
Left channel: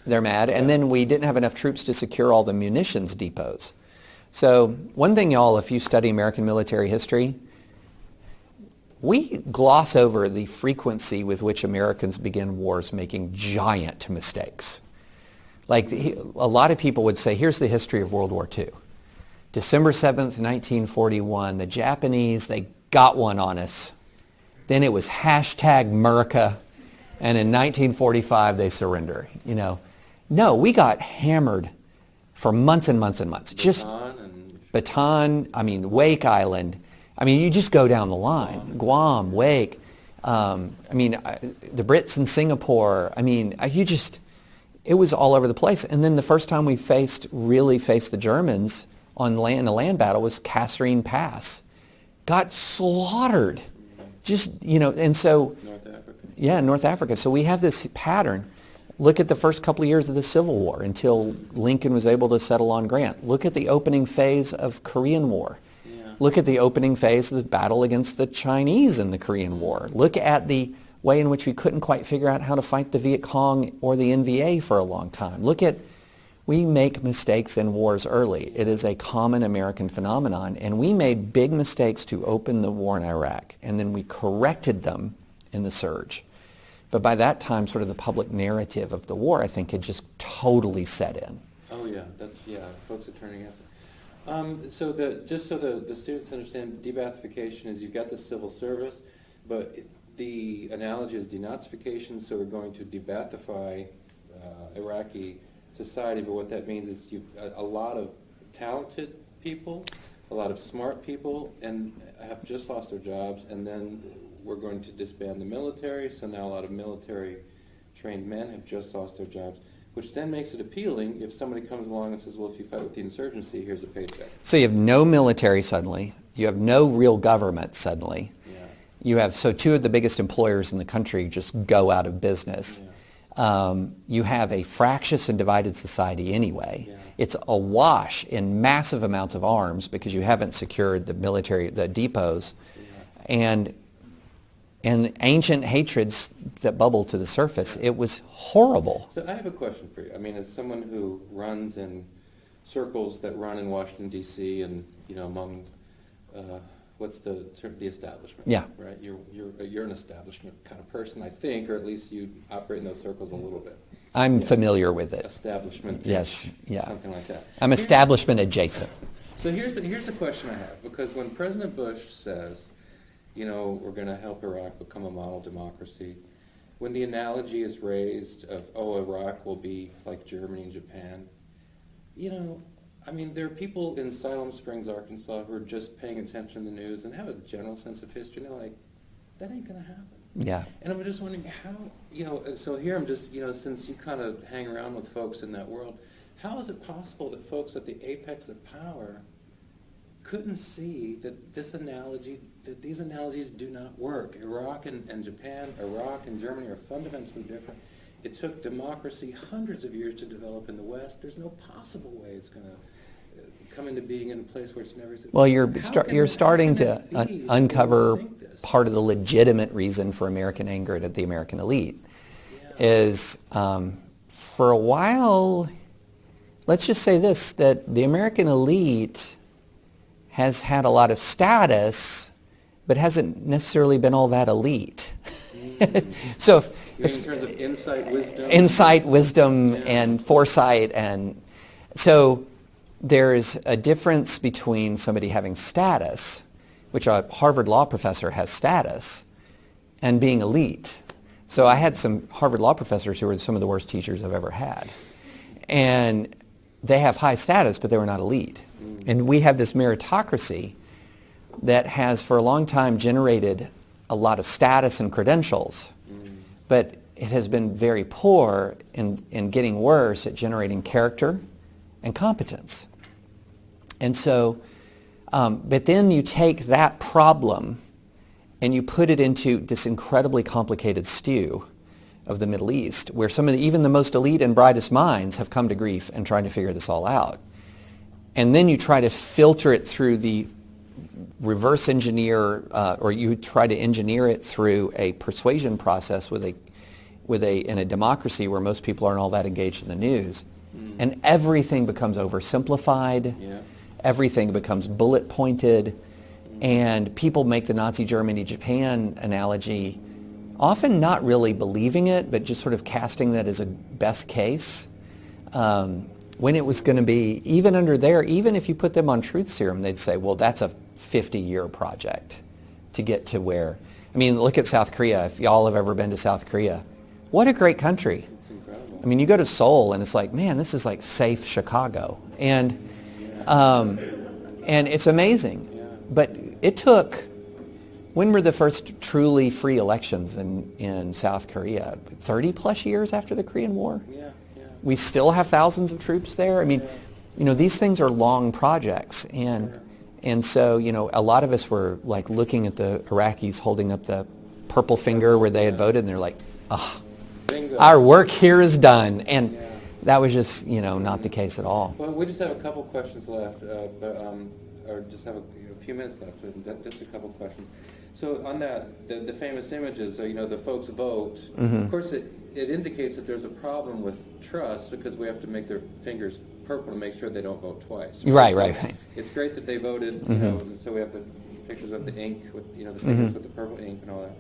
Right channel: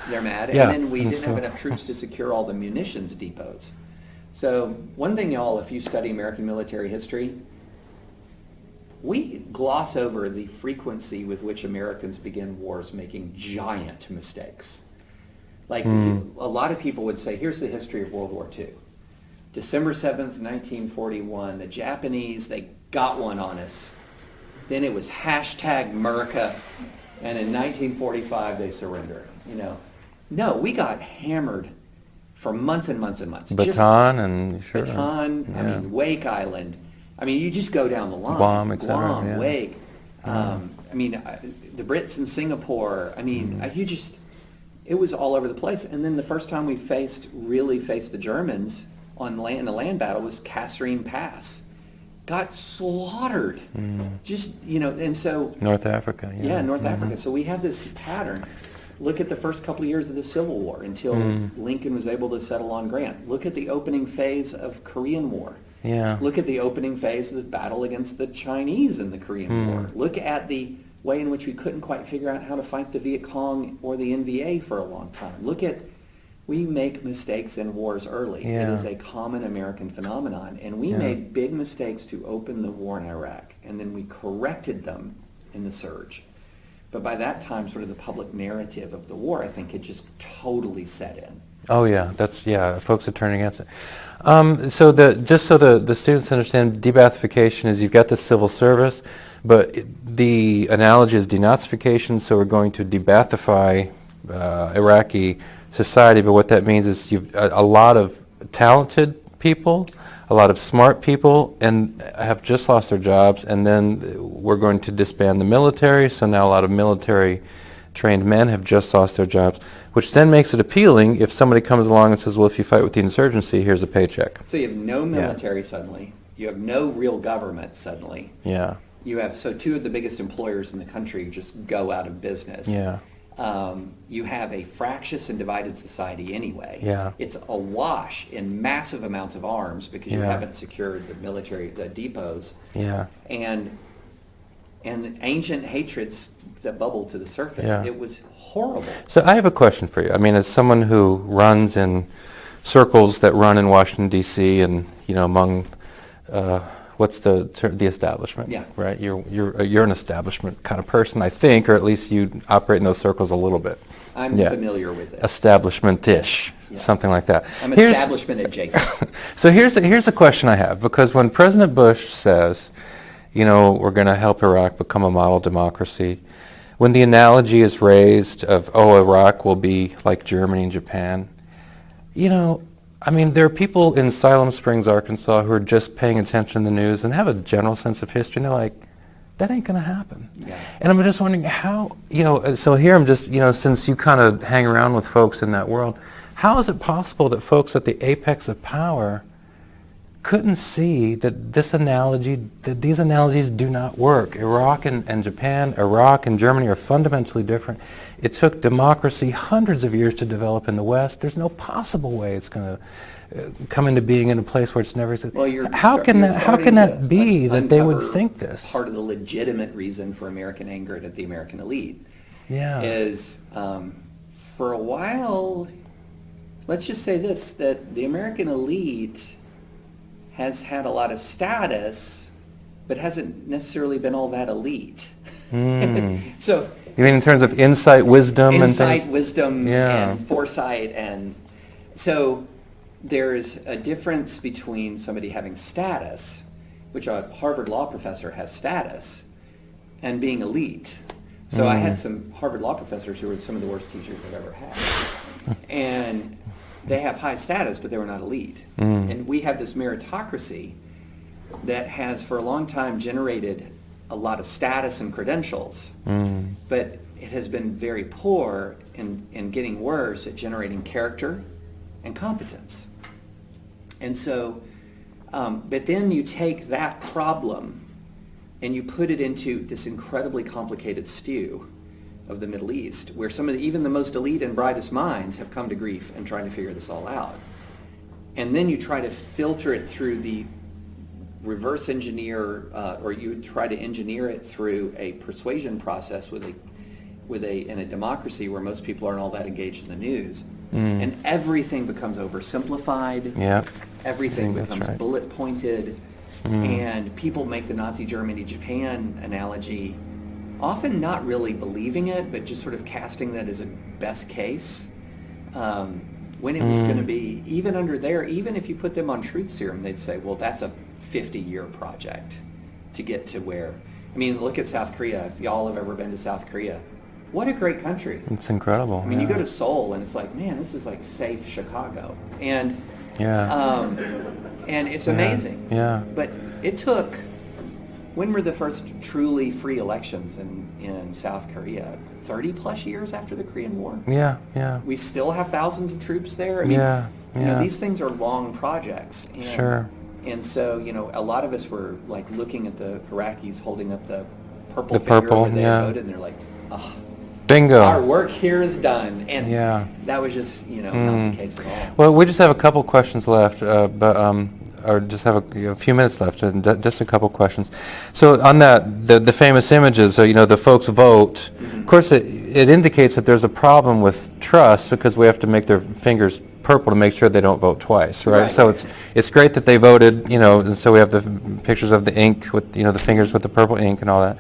They're mad. And then we didn't have enough troops to secure all the munitions depots. So one thing, y'all, if you study American military history, we gloss over the frequency with which Americans begin wars making giant mistakes. Like a lot of people would say, here's the history of World War II. December 7th, 1941, the Japanese, they got one on us. Then it was #America, and in 1945 they surrender. No, we got hammered for months and months and months. Bataan, Wake Island. You just go down the line. Guam, Wake. The Brits in Singapore. It was all over the place. And then the first time we really faced the Germans on land, in a land battle, was Kasserine Pass. Got slaughtered. And so... North Africa. North Africa. So we have this pattern. Look at the first couple of years of the Civil War until Lincoln was able to settle on Grant. Look at the opening phase of Korean War. Look at the opening phase of the battle against the Chinese in the Korean War. Look at the way in which we couldn't quite figure out how to fight the Viet Cong or the NVA for a long time. We make mistakes in wars early. It is a common American phenomenon. And we made big mistakes to open the war in Iraq. And then we corrected them in the surge. But by that time, sort of the public narrative of the war, I think, had just totally set in. Oh yeah, folks are turning against it. So the students understand, de-Baathification is you've got the civil service, but the analogy is denazification. So we're going to de-Baathify Iraqi society. But what that means is you've a lot of talented people, a lot of smart people and have just lost their jobs, and then we're going to disband the military, so now a lot of military trained men have just lost their jobs, which then makes it appealing if somebody comes along and says, well, if you fight with the insurgency, here's a paycheck. So you have no military suddenly. You have no real government suddenly. Yeah. You have, so two of the biggest employers in the country just go out of business. Yeah. You have a fractious and divided society anyway. Yeah. It's awash in massive amounts of arms because you Yeah. haven't secured the military, the depots. Yeah. And ancient hatreds that bubble to the surface. Yeah. It was horrible. So I have a question for you. I mean, as someone who runs in circles that run in Washington, D.C. and, among, what's the establishment? Yeah. Right? You're an establishment kind of person, I think, or at least you operate in those circles a little bit. I'm familiar with it. Establishment-ish, Yeah. something like that. I'm establishment adjacent. So here's a question I have, because when President Bush says, we're going to help Iraq become a model democracy, when the analogy is raised of, Iraq will be like Germany and Japan, there are people in Siloam Springs, Arkansas, who are just paying attention to the news and have a general sense of history, and they're like, that ain't going to happen. Yeah. And I'm just wondering how, so here I'm just, since you kind of hang around with folks in that world, how is it possible that folks at the apex of power couldn't see that these analogies do not work? Iraq and Japan, Iraq and Germany are fundamentally different. It took democracy hundreds of years to develop in the West. There's no possible way it's going to come into being in a place where it's never existed. Well, how can that be that they would think this? Part of the legitimate reason for American anger at the American elite is for a while, let's just say this, that the American elite has had a lot of status, but hasn't necessarily been all that elite. So, you mean in terms of insight, wisdom, wisdom, and foresight, and so there's a difference between somebody having status, which a Harvard law professor has status, and being elite. So I had some Harvard law professors who were some of the worst teachers I've ever had, and they have high status, but they were not elite. And we have this meritocracy that has for a long time generated a lot of status and credentials, but it has been very poor in getting worse at generating character and competence. And so, but then you take that problem and you put it into this incredibly complicated stew of the Middle East, where even the most elite and brightest minds have come to grief and trying to figure this all out. And then you try to filter it through the reverse engineer, or you try to engineer it through a persuasion process in a democracy where most people aren't all that engaged in the news. And everything becomes oversimplified. Yeah. Everything becomes bullet pointed. And people make the Nazi Germany, Japan analogy, often not really believing it, but just sort of casting that as a best case. When it was going to be, even if you put them on truth serum, they'd say, well, that's a 50-year project to get to where, look at South Korea. If y'all have ever been to South Korea, what a great country. It's incredible. You go to Seoul and it's like, man, this is like safe Chicago. And and it's amazing. Yeah. But it took, when were the first truly free elections in South Korea? 30 plus years after the Korean War. Yeah. We still have thousands of troops there. These things are long projects. And, Sure. And so, a lot of us were like looking at the Iraqis holding up the purple finger where they voted, and they're like, ugh. Bingo. Our work here is done. And that was just, not the case at all. Well, we just have a couple questions left, or just have a few minutes left, and just a couple questions. So on that, the famous images, the folks vote. Of course, it indicates that there's a problem with trust because we have to make their fingers purple to make sure they don't vote twice, right? So it's great that they voted, and so we have the pictures of the ink with, the fingers with the purple ink and all that.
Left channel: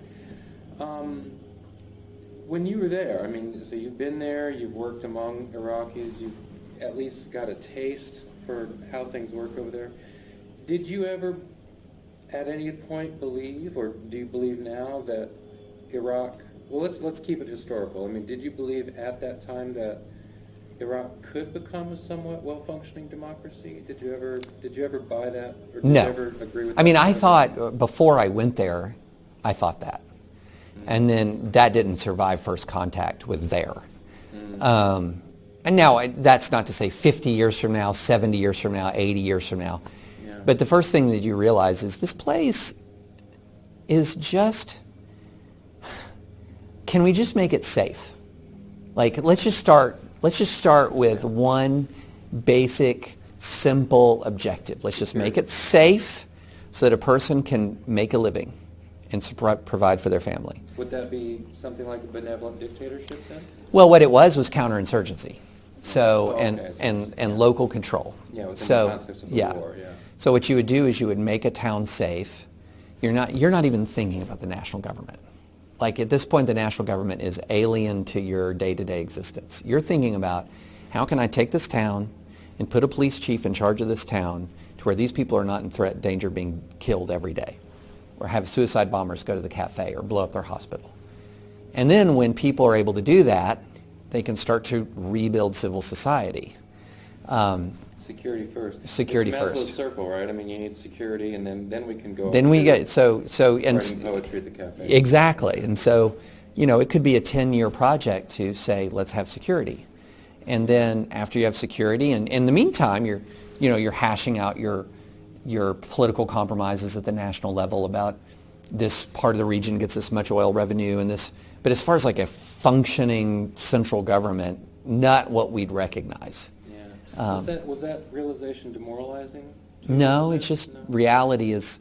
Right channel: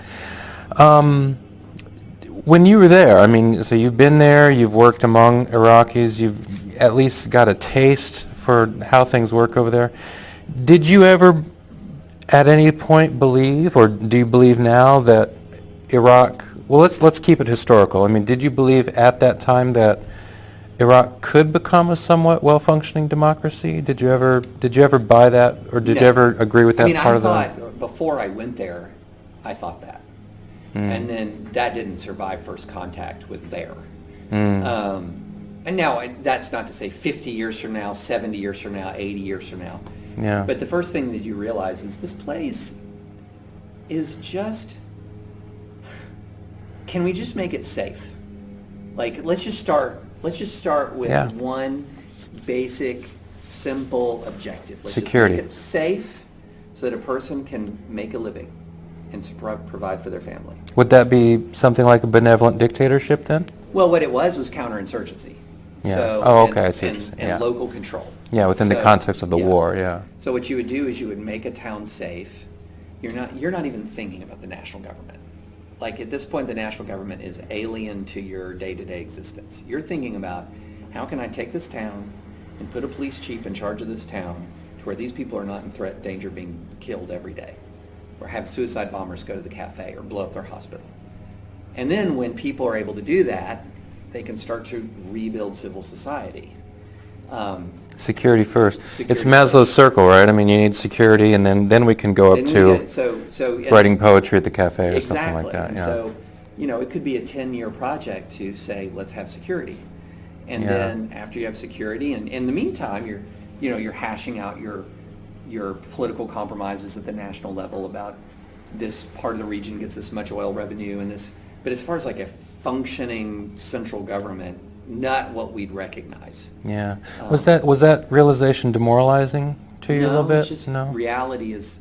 When you were there, so you've been there, you've worked among Iraqis, you've at least got a taste for how things work over there. Did you ever at any point believe, or do you believe now that Iraq, well, let's keep it historical. Did you believe at that time that Iraq could become a somewhat well-functioning democracy? Did you ever buy that, or did No. you ever agree with that I mean, part I of the... thought, before I went there, I thought that. And then that didn't survive first contact with there. And now, that's not to say 50 years from now, 70 years from now, 80 years from now. Yeah. But the first thing that you realize is this place is just, can we just make it safe? Like, let's just start with Yeah. one basic, simple objective. Let's Security. just make it safe so that a person can make a living and provide for their family. Would that be something like a benevolent dictatorship then? Well, what it was counterinsurgency. Yeah. So, Oh, and, okay, I see what and, you're saying. and Yeah. local control. Yeah, within the So, context of the war, yeah. So what you would do is you would make a town safe. You're not even thinking about the national government. Like, at this point, the national government is alien to your day-to-day existence. You're thinking about, how can I take this town and put a police chief in charge of this town to where these people are not in danger of being killed every day, or have suicide bombers go to the cafe or blow up their hospital. And then when people are able to do that, they can start to rebuild civil society. Security first. Security It's Maslow's first. circle, right? I mean, you need security, and then we can go up Then we to get, so and writing poetry at the cafe or exactly. something like that. And yeah. so, it could be a 10-year project to say, let's have security. And Yeah. then after you have security, and in the meantime, you're hashing out your political compromises at the national level about this part of the region gets this much oil revenue and this. But as far as like a functioning central government, not what we'd recognize. Yeah. Was that realization demoralizing to you a little No, bit? it's just No? reality is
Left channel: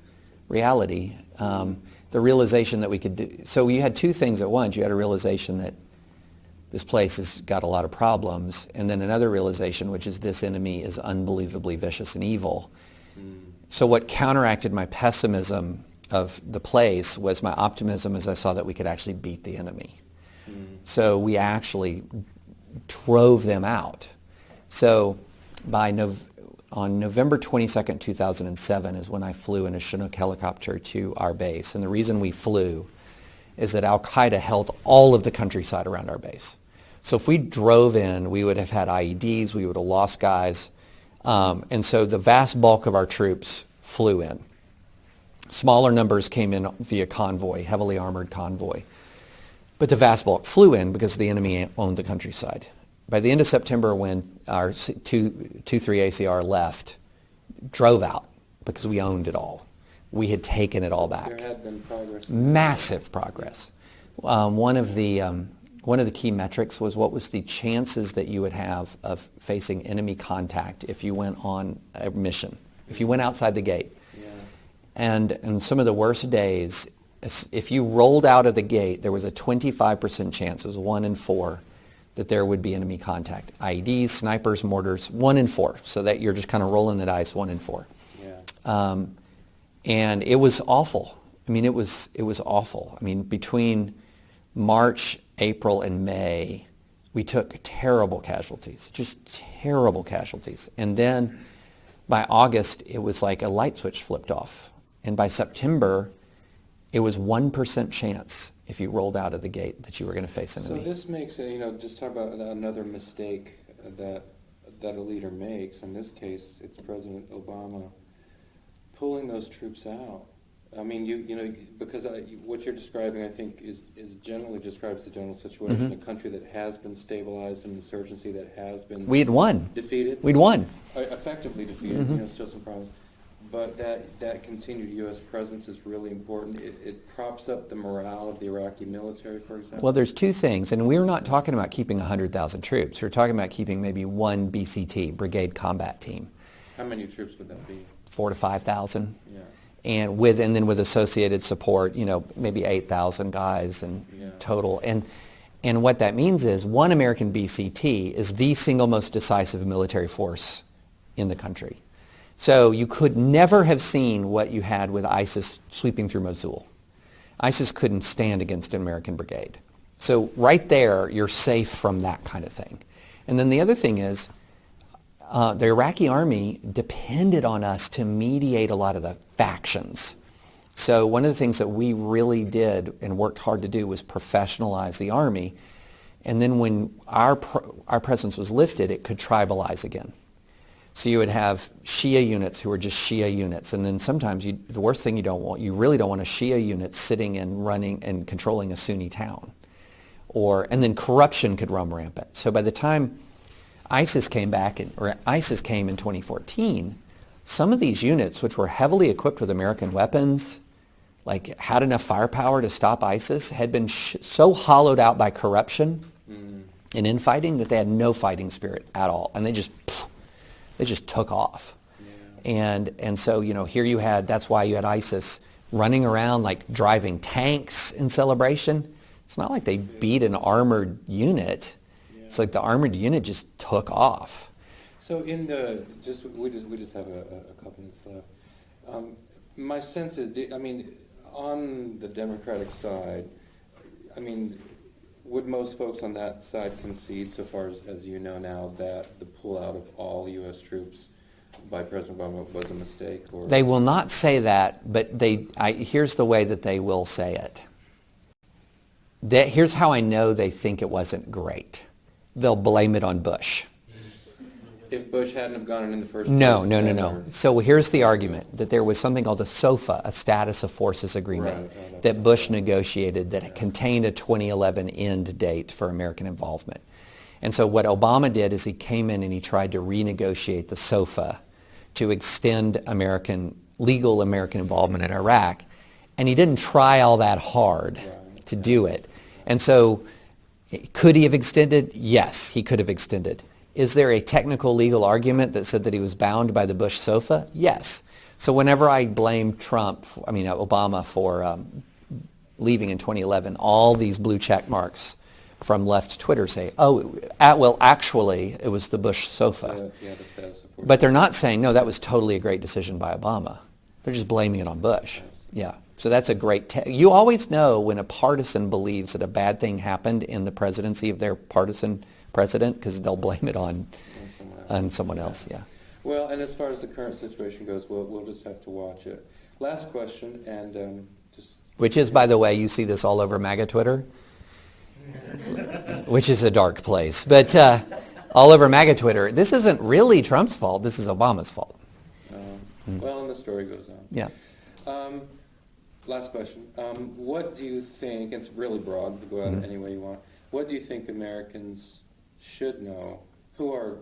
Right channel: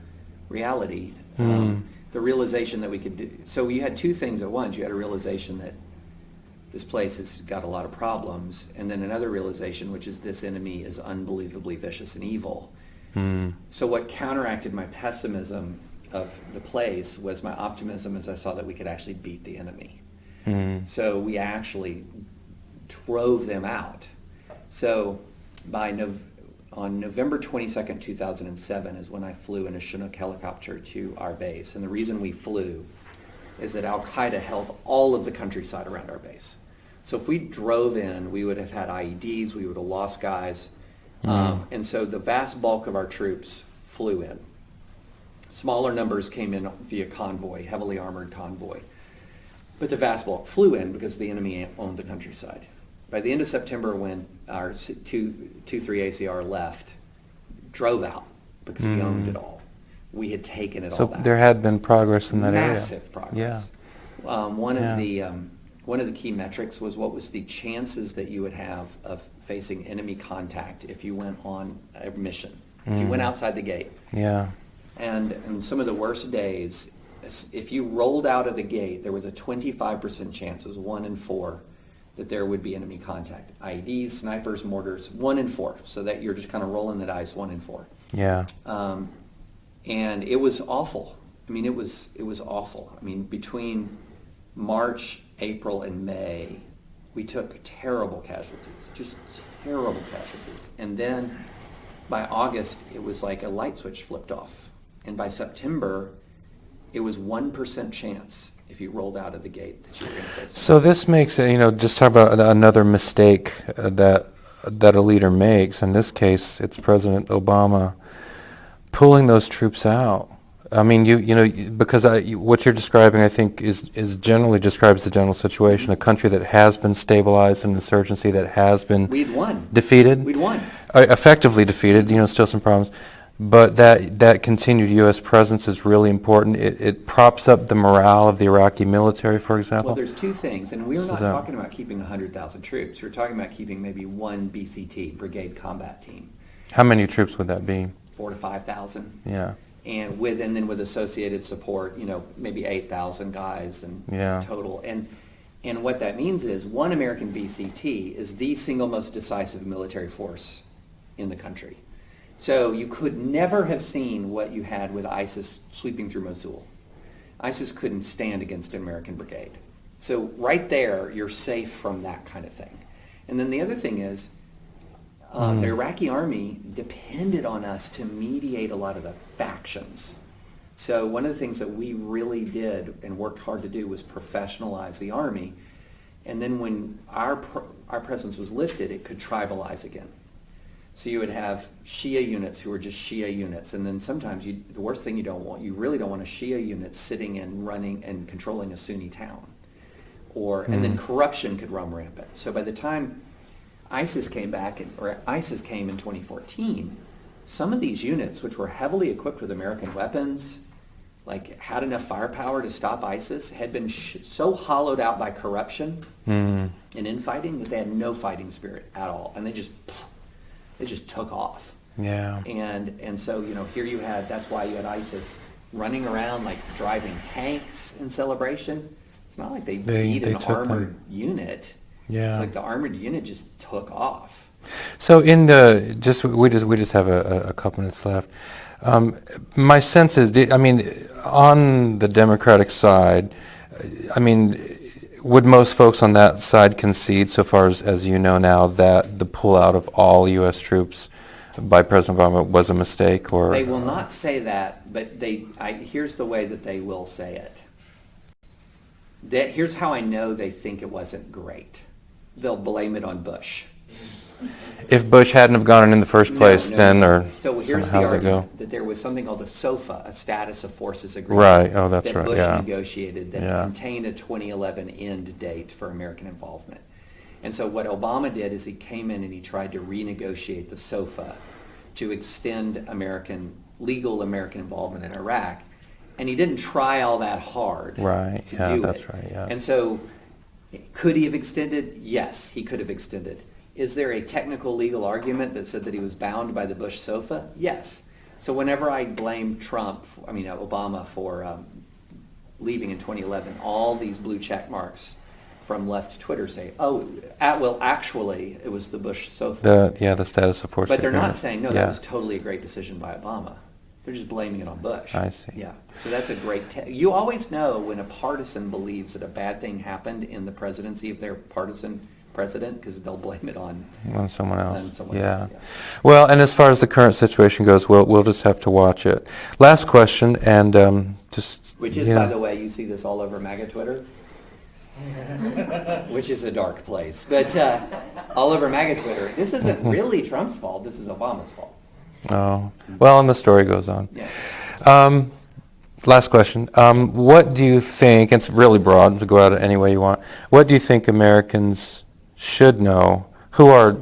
reality. The realization that we could do. So you had two things at once. You had a realization that this place has got a lot of problems, and then another realization, which is this enemy is unbelievably vicious and evil. So what counteracted my pessimism of the place was my optimism as I saw that we could actually beat the enemy. So we actually drove them out. So on November 22nd, 2007 is when I flew in a Chinook helicopter to our base. And the reason we flew is that Al-Qaeda held all of the countryside around our base. So if we drove in, we would have had IEDs, we would have lost guys. And so the vast bulk of our troops flew in. Smaller numbers came in via convoy, heavily armored convoy. But the vast bulk flew in because the enemy owned the countryside. By the end of September, when our 2-3 ACR left, drove out because we owned it all. We had taken it all So back. there had been progress in that Massive progress. One of the key metrics was what was the chances that you would have of facing enemy contact if you went on a mission, if you went outside the gate. Yeah. And in some of the worst days, if you rolled out of the gate, there was a 25% chance, it was 1 in 4, that there would be enemy contact. IEDs, snipers, mortars, 1 in 4. So that you're just kind of rolling the dice, 1 in 4. Yeah. And it was awful. I mean, it was awful. I mean, between March, April, and May, we took terrible casualties, just terrible casualties. And then by August, it was like a light switch flipped off. And by September, it was 1% chance if you rolled out of the gate that you were going to face So this makes it, just talk about another mistake that a leader makes. In this case, it's President Obama pulling those troops out. I mean, because what you're describing, I think, is generally describes the general situation. A country that has been stabilized, an insurgency that has been We had won. defeated. We'd won. Effectively defeated. Still some problems. But that continued U.S. presence is really important. It props up the morale of the Iraqi military, for example. Well, there's two things, and we were not So- talking about keeping 100,000 troops. We were talking about keeping maybe one BCT, Brigade Combat Team, How many troops would that be? 4,000 to 5,000. Yeah. And then with associated support, maybe 8,000 guys and Yeah. total. And what that means is one American BCT is the single most decisive military force in the country. So you could never have seen what you had with ISIS sweeping through Mosul. ISIS couldn't stand against an American brigade. So right there, you're safe from that kind of thing. And then the other thing is, the Iraqi army depended on us to mediate a lot of the factions. So one of the things that we really did and worked hard to do was professionalize the army. And then when our presence was lifted, it could tribalize again. So you would have Shia units who were just Shia units, and then sometimes the worst thing you really don't want a Shia unit sitting and running and controlling a Sunni town, and then corruption could run rampant. So by the time ISIS came in 2014, some of these units, which were heavily equipped with American weapons, like had enough firepower to stop ISIS, had been so hollowed out by corruption and infighting that they had no fighting spirit at all, and they just took off. Yeah. And so, here that's why you had ISIS running around like driving tanks in celebration. It's not like they beat an armored unit. Yeah. It's like the armored unit just took off. So we just have a couple minutes left. My sense is, on the Democratic side, would most folks on that side concede, so far as you know now, that the pullout of all U.S. troops by President Obama was a mistake? Or they will not say that, but here's the way that they will say it. Here's how I know they think it wasn't great. They'll blame it on Bush. If Bush hadn't have gone in the first place, No. So here's the argument that there was something called a SOFA, a Status of Forces Agreement, right. Oh, that's that right. Bush negotiated that contained a 2011 end date for American involvement. And so what Obama did is he came in and he tried to renegotiate the SOFA to extend legal American involvement in Iraq. And he didn't try all that hard to do it. Right, yeah. And so could he have extended? Yes, he could have extended. Is there a technical legal argument that said that he was bound by the Bush SOFA? Yes. So whenever I blame Obama for leaving in 2011, all these blue check marks from left Twitter say, actually, it was the Bush SOFA. The Status of Forces. But they're not saying, no, that was totally a great decision by Obama. They're just blaming it on Bush. I see. Yeah. So that's a great... you always know when a partisan believes that a bad thing happened in the presidency of their partisan president, because they'll blame it on someone else. Yeah. Well, and as far as the current situation goes, we'll just have to watch it. Last question, and which is, by the way, you see this all over MAGA Twitter, which is a dark place. But all over MAGA Twitter, this isn't really Trump's fault. This is Obama's fault. Oh, well, and the story goes on. Yeah. Last question. What do you think, and it's really broad, to go out any way you want, what do you think Americans should know, who are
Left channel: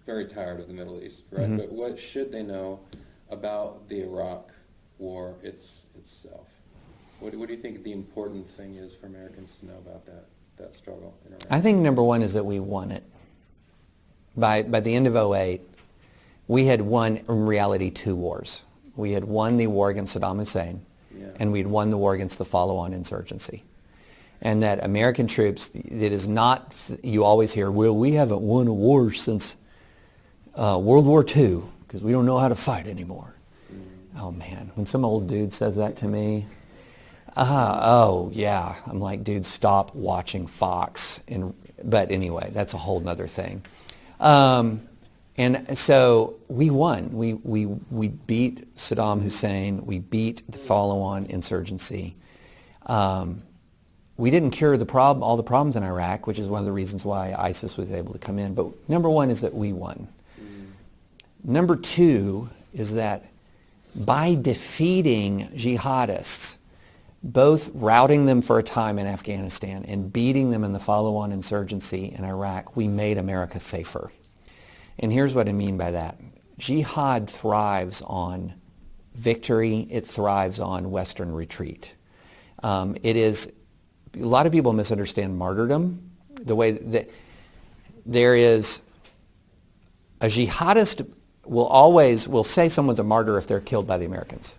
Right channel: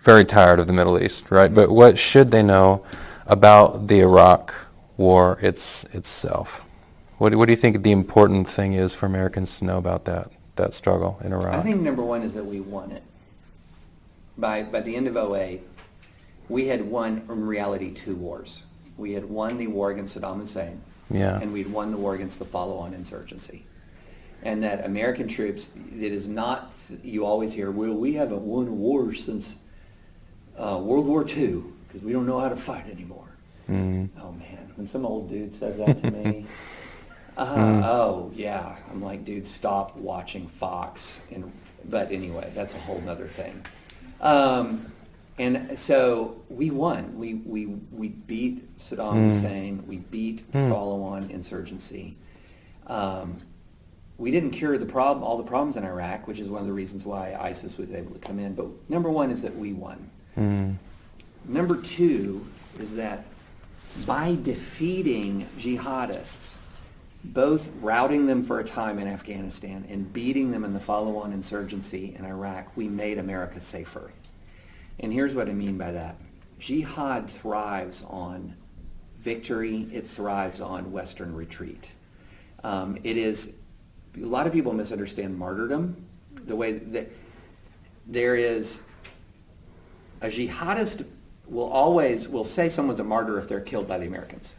very tired of the Middle East, right? Mm-hmm. But what should they know about the Iraq war itself? What do you think the important thing is for Americans to know about that struggle in Iraq? I think number one is that we won it. By the end of 2008, we had won, in reality, 2 wars. We had won the war against Saddam Hussein, and we'd won the war against the follow-on insurgency. And that American troops, it is not, you always hear, well, we haven't won a war since World War II because we don't know how to fight anymore. Mm. Oh, man, when some old dude says that to me, oh, yeah. I'm like, dude, stop watching Fox. But anyway, that's a whole nother thing. And so we won. We beat Saddam Hussein. We beat the follow-on insurgency. We didn't cure all the problems in Iraq, which is one of the reasons why ISIS was able to come in. But number one is that we won. Number two is that by defeating jihadists, both routing them for a time in Afghanistan and beating them in the follow-on insurgency in Iraq, we made America safer. And here's what I mean by that. Jihad thrives on victory. It thrives on Western retreat. A lot of people misunderstand martyrdom. The way that there is a jihadist will say someone's a martyr if they're killed by the Americans.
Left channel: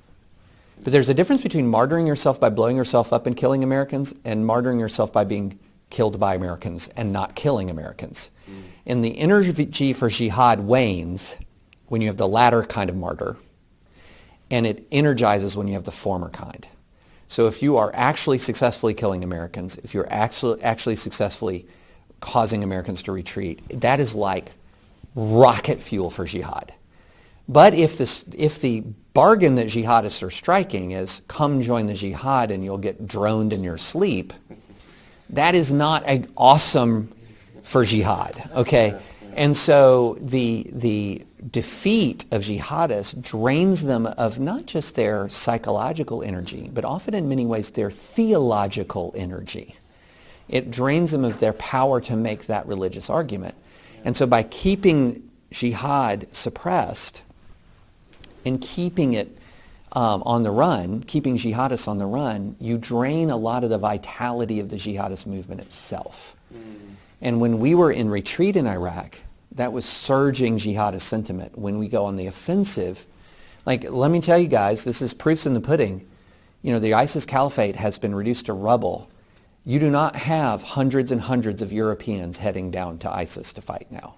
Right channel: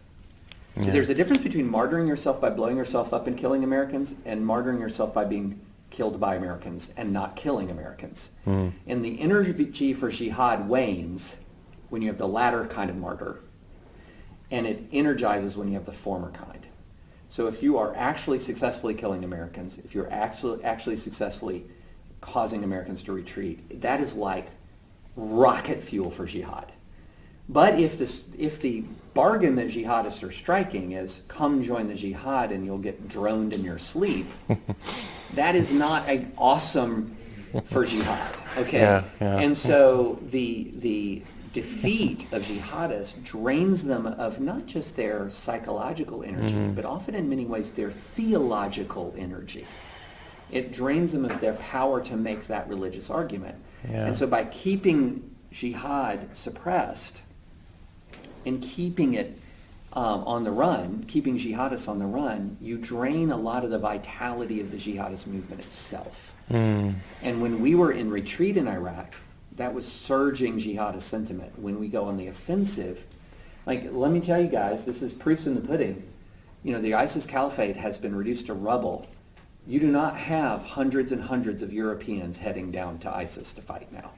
Yeah. But there's a difference between martyring yourself by blowing yourself up and killing Americans and martyring yourself by being killed by Americans and not killing Americans. And the energy for jihad wanes when you have the latter kind of martyr, and it energizes when you have the former kind. So if you are actually successfully killing Americans, if you're actually successfully causing Americans to retreat, that is like rocket fuel for jihad. But if the bargain that jihadists are striking is come join the jihad and you'll get droned in your sleep, that is not an awesome for jihad, okay? Yeah, yeah. And so the defeat of jihadists drains them of not just their psychological energy, but often in many ways their theological energy. It drains them of their power to make that religious argument. Yeah. And so by keeping jihad suppressed and keeping it on the run, keeping jihadists on the run, you drain a lot of the vitality of the jihadist movement itself. And when we were in retreat in Iraq, that was surging jihadist sentiment. When we go on the offensive, like, let me tell you guys, this is proofs in the pudding. You know, the ISIS caliphate has been reduced to rubble. You do not have hundreds and hundreds of Europeans heading down to ISIS to fight now.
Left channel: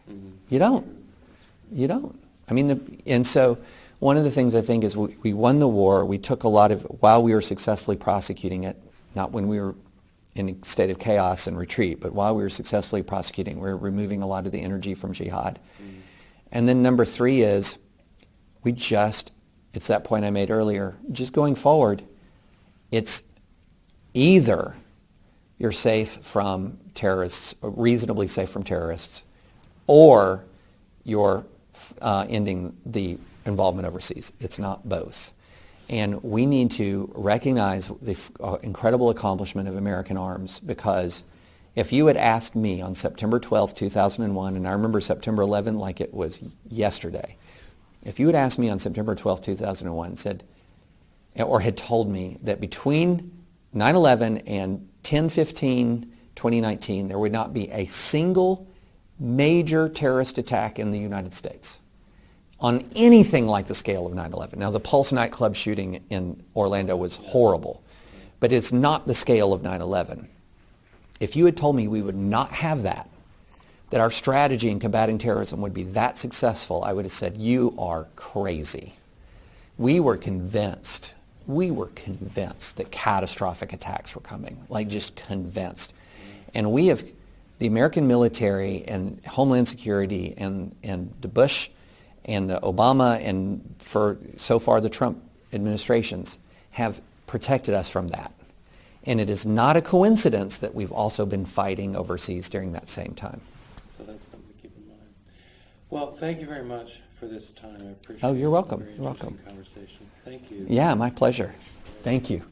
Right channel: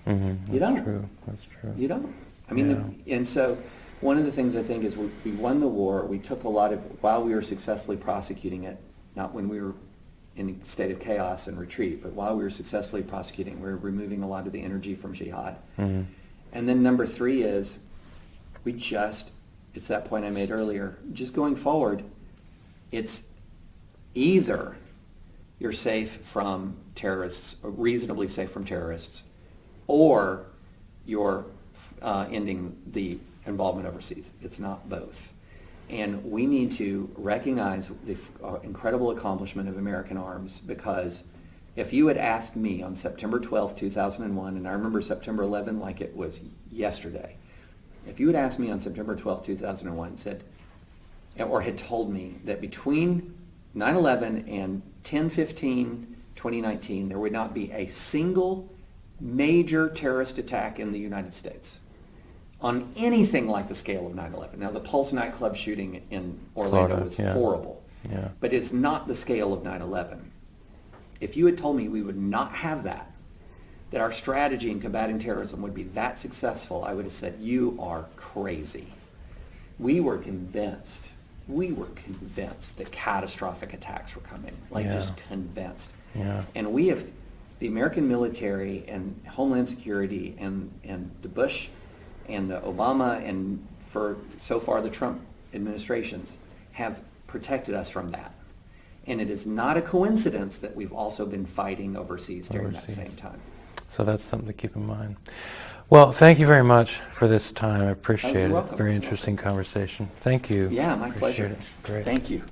You don't. True. That's true. You don't. I mean, and so one of the things I think is we won the war. We took a lot of, while we were successfully prosecuting it, not when we were in a state of chaos and retreat, but while we were successfully prosecuting, we were removing a lot of the energy from jihad. And then number 3 is it's that point I made earlier, just going forward, it's either you're safe from terrorists, or reasonably safe from terrorists, or you're ending the involvement overseas. It's not both. And we need to recognize the incredible accomplishment of American arms, because if you had asked me on September 12th, 2001, and I remember September 11th like it was yesterday, if you had asked me on September 12th, 2001, said, or had told me that between 9/11 and 10/15/2019, there would not be a single major terrorist attack in the United States on anything like the scale of 9/11. Now, the Pulse nightclub shooting in Orlando was horrible, but it's not the scale of 9/11. If you had told me we would not have that our strategy in combating terrorism would be that successful, I would have said, you are crazy. We were convinced that catastrophic attacks were coming, just convinced. And we have, the American military and Homeland Security and the Bush and the Obama and for so far the Trump administrations have protected us from that. And it is not a coincidence that we've also been fighting overseas during that same time. So that's something to keep in mind. Well, thank you very much for this time. I appreciate it. You're welcome. Very interesting conversation. Thank you. Yeah, my Appreciate pleasure. it. Great. Thank you.